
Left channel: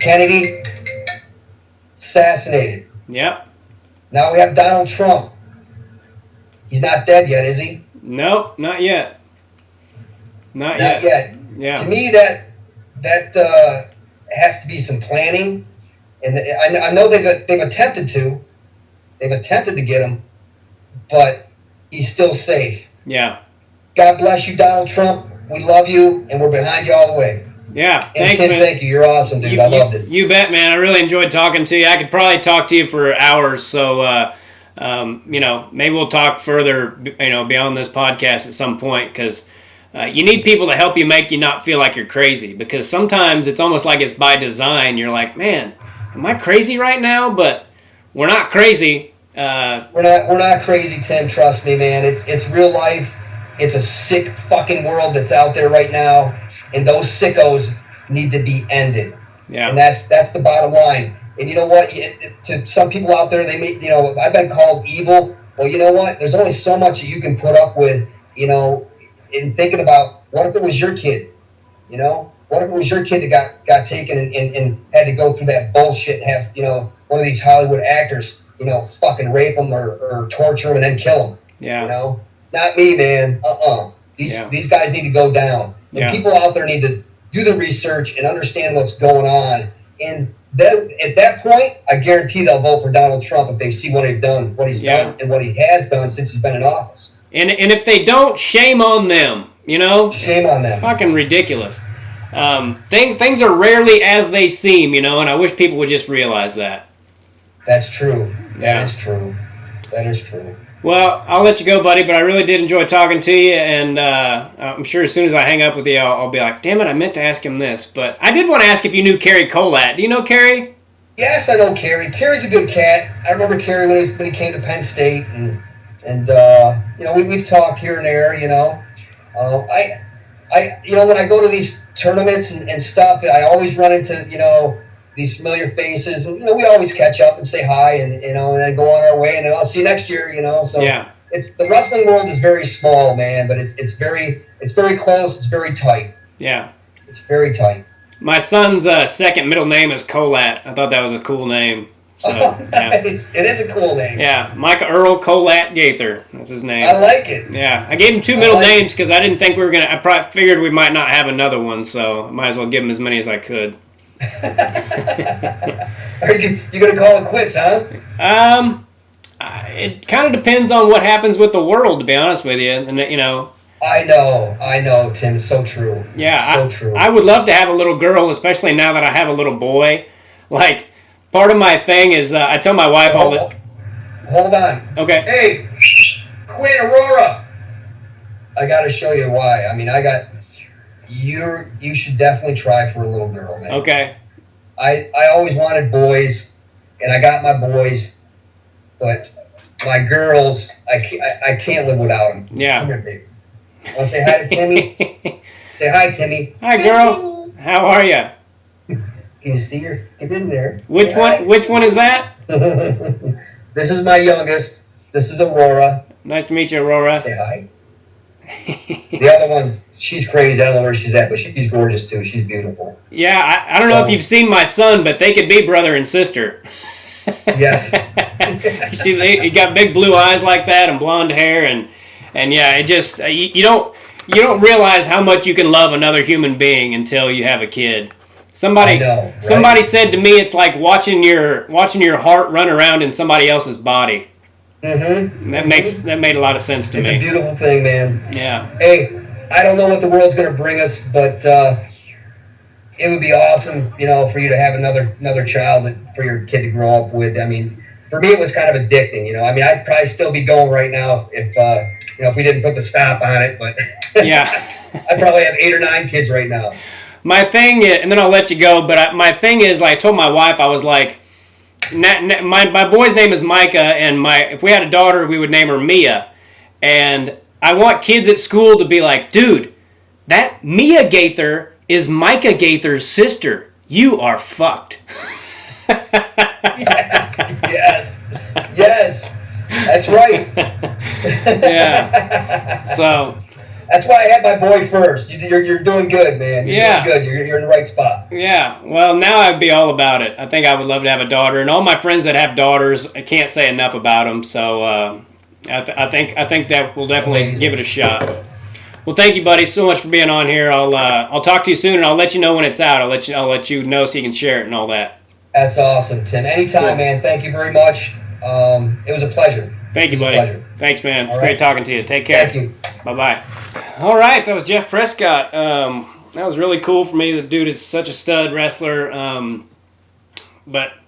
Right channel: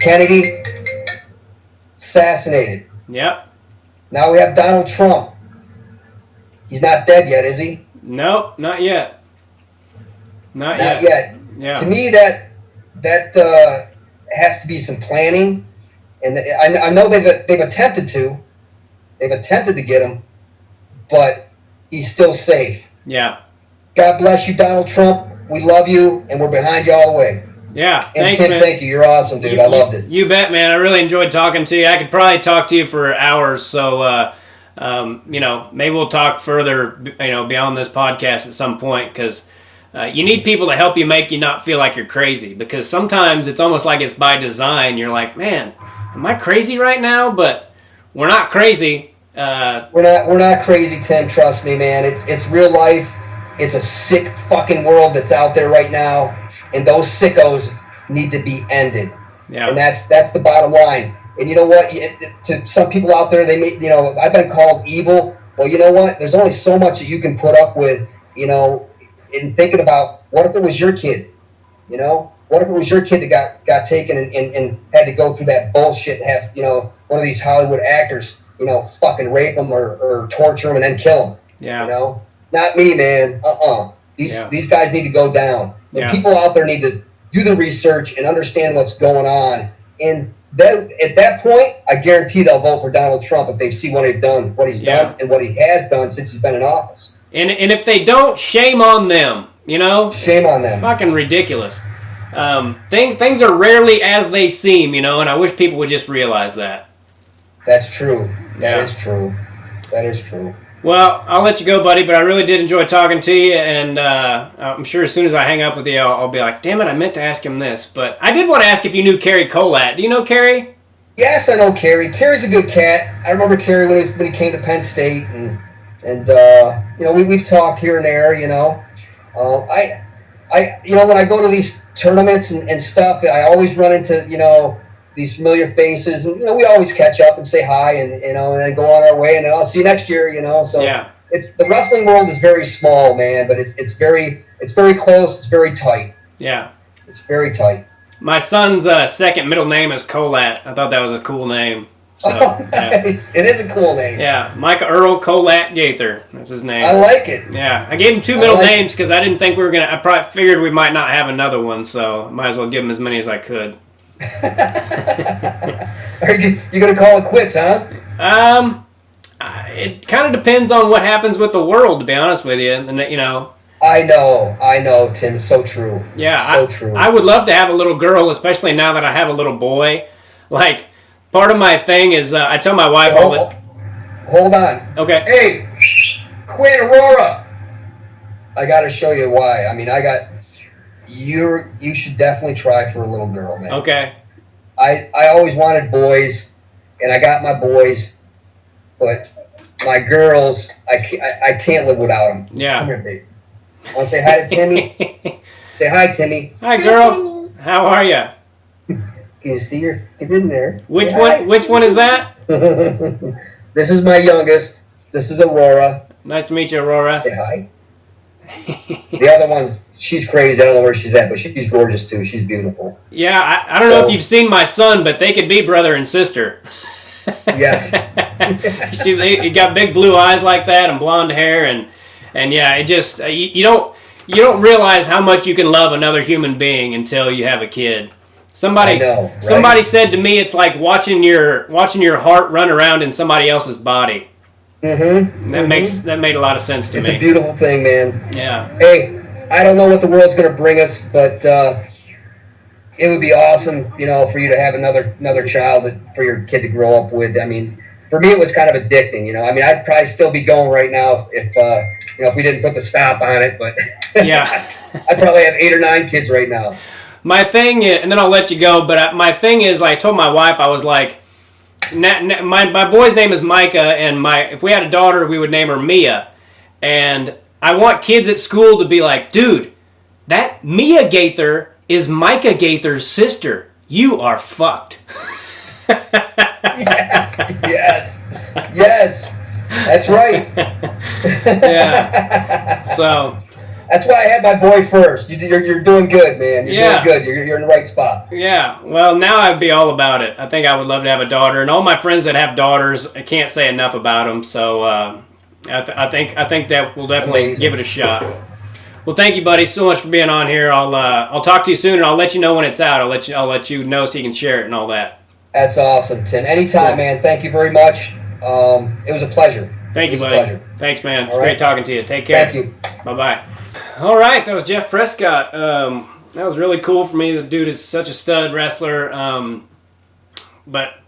Kennedy, assassinated. Yep. Now we have Donald Trump. He's not dead yet, is he? Nope, not yet. Not yet. Yeah. To me, that has to be some planning, and I know they've attempted to get him, but he's still safe. Yeah. God bless you, Donald Trump. We love you, and we're behind you all the way. Yeah, and thanks, Tim, man. Thank you. You're awesome, dude. I loved it. You bet, man. I really enjoyed talking to you. I could probably talk to you for hours, so maybe we'll talk further, beyond this podcast at some point, because you need people to help you make you not feel like you're crazy, because sometimes it's almost like it's by design. You're like, man, am I crazy right now? But we're not crazy. We're not crazy, Tim. Trust me, man. It's real life. It's a sick fucking world that's out there right now, and those sickos need to be ended. Yeah. And that's the bottom line. And you know what? To some people out there, they may, I've been called evil. Well, you know what? There's only so much that you can put up with, in thinking about what if it was your kid, What if it was your kid that got taken and had to go through that bullshit and have, one of these Hollywood actors, fucking rape them or torture them and then kill them. Yeah. Not me, man. These guys need to go down. And people out there need to do the research and understand what's going on. And then at that point, I guarantee they'll vote for Donald Trump if they see what he's done, and what he has done since he's been in office. And if they don't, shame on them. Shame on them. Fucking ridiculous. Things are rarely as they seem, and I wish people would just realize that. That's true. Yeah. That is true. Well, I'll let you go, buddy, but I really did enjoy talking to you, and I'm sure as soon as I hang up with you, I'll be like, damn it, I meant to ask him this. But I did want to ask if you knew Kerry Colat. Do you know Kerry? Yes, I know Kerry. Kerry's a good cat. I remember Kerry when he came to Penn State, and we've talked here and there, when I go to these tournaments and stuff, I always run into, these familiar faces, and we always catch up and say hi, and and then go on our way, and then I'll see you next year. So Yeah. it's the wrestling world is very small, man, but it's very close. It's very tight. Yeah. It's very tight. My son's second middle name is Colat. I thought that was a cool name. So, nice. Yeah. It is a cool name. Yeah, Micah Earl Colat Gaither. That's his name. I like it. Yeah, I gave him two middle names because I didn't think we were going to. I probably figured we might not have another one, so I might as well give him as many as I could. Are you going to call it quits, huh? It kind of depends on what happens with the world, to be honest with you. And I know, Tim. So true. Yeah, so true. I would love to have a little girl, especially now that I have a little boy. Like, part of my thing is I tell my wife all the. Hold on. Okay. Hey, Quinn, Aurora. I got to show you why. I mean, you should definitely try for a little girl, man. Okay. I always wanted boys, and I got my boys, but my girls, I can't live without them. Yeah. Come here, baby. Want to say hi to Timmy? Say hi, Timmy. Hi, girls. How are you? Can you see her? Get in there. Which one? Which one is that? This is my youngest. This is Aurora. Nice to meet you, Aurora. Say hi. The other one's, she's crazy. I don't know where she's at, but she's gorgeous too. She's beautiful. Yeah, I don't know if you've seen my son, but they could be brother and sister. Yes. He got big blue eyes like that and blonde hair, and yeah, it just you don't realize how much you can love another human being until you have a kid. Somebody said to me, it's like watching your heart run around in somebody else's body. Mm-hmm. That made a lot of sense to me. It's a beautiful thing, man. Yeah. Hey, I don't know what the world's going to bring us, but it would be awesome, for you to have another child for your kid to grow up with. I mean, for me, it was kind of addicting. I mean, I'd probably still be going right now if we didn't put the stop on it. But yeah, I'd probably have 8 or 9 kids right now. My thing is, and then I'll let you go. But my thing is, I told my wife, I was like, my boy's name is Micah, and if we had a daughter, we would name her Mia. And I want kids at school to be like, dude, that Mia Gaither is Micah Gaither's sister. You are fucked. Yes. That's right. Yeah. So. That's why I had my boy first. You're doing good, man. You're doing good. You're in the right spot. Yeah. Well, now I'd be all about it. I think I would love to have a daughter, and all my friends that have daughters, I can't say enough about them. So I think that we'll definitely give it a shot. Well, thank you, buddy, so much for being on here. I'll talk to you soon, and I'll let you know when it's out. I'll let you know so you can share it and all that. That's awesome, Tim. Anytime, man. Thank you very much. It was a pleasure. Thank you, buddy. Thanks, man. It's great talking to you. Take care. Thank you. Bye-bye. All right, that was Jeff Prescott. That was really cool for me. The dude is such a stud wrestler. But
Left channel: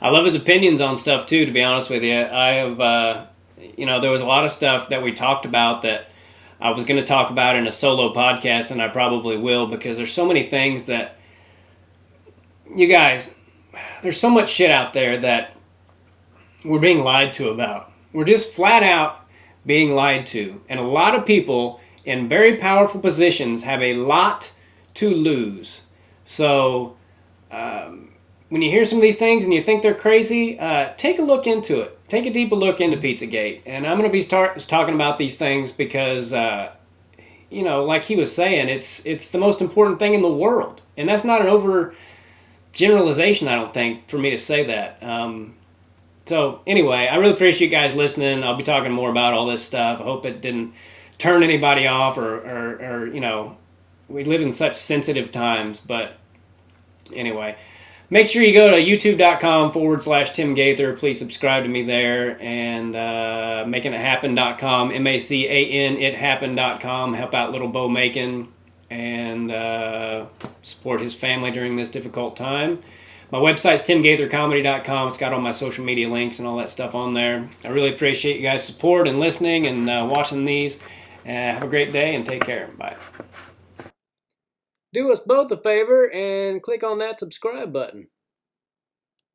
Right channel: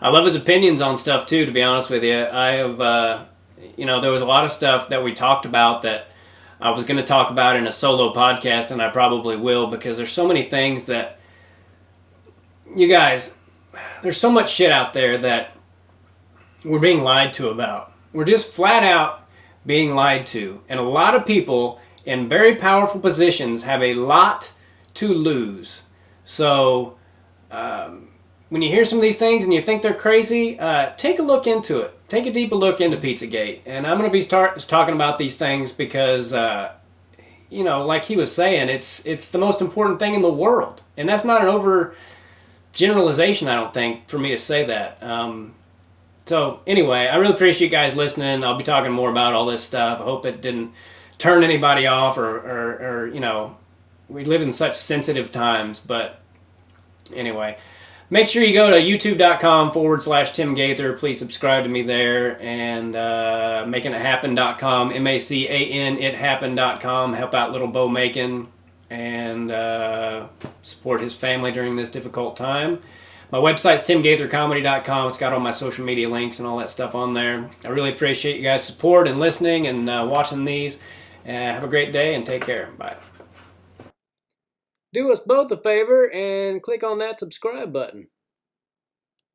I love his opinions on stuff, too, to be honest with you. I have, there was a lot of stuff that we talked about that I was going to talk about in a solo podcast, and I probably will, because there's so many things that, you guys, there's so much shit out there that we're being lied to about. We're just flat out being lied to. And a lot of people in very powerful positions have a lot to lose. So when you hear some of these things and you think they're crazy, take a look into it. Take a deeper look into Pizzagate. And I'm going to be talking about these things because, like he was saying, it's the most important thing in the world. And that's not an over generalization, I don't think, for me to say that. So anyway, I really appreciate you guys listening. I'll be talking more about all this stuff. I hope it didn't turn anybody off or we live in such sensitive times. But anyway, make sure you go to youtube.com/Tim Gaither. Please subscribe to me there, and makingithappen.com, MACAN ithappen.com. Help out little Bo Macon and support his family during this difficult time. My website's timgaithercomedy.com. It's got all my social media links and all that stuff on there. I really appreciate you guys' support and listening and watching these. Have a great day and take care. Bye. Do us both a favor and click on that subscribe button.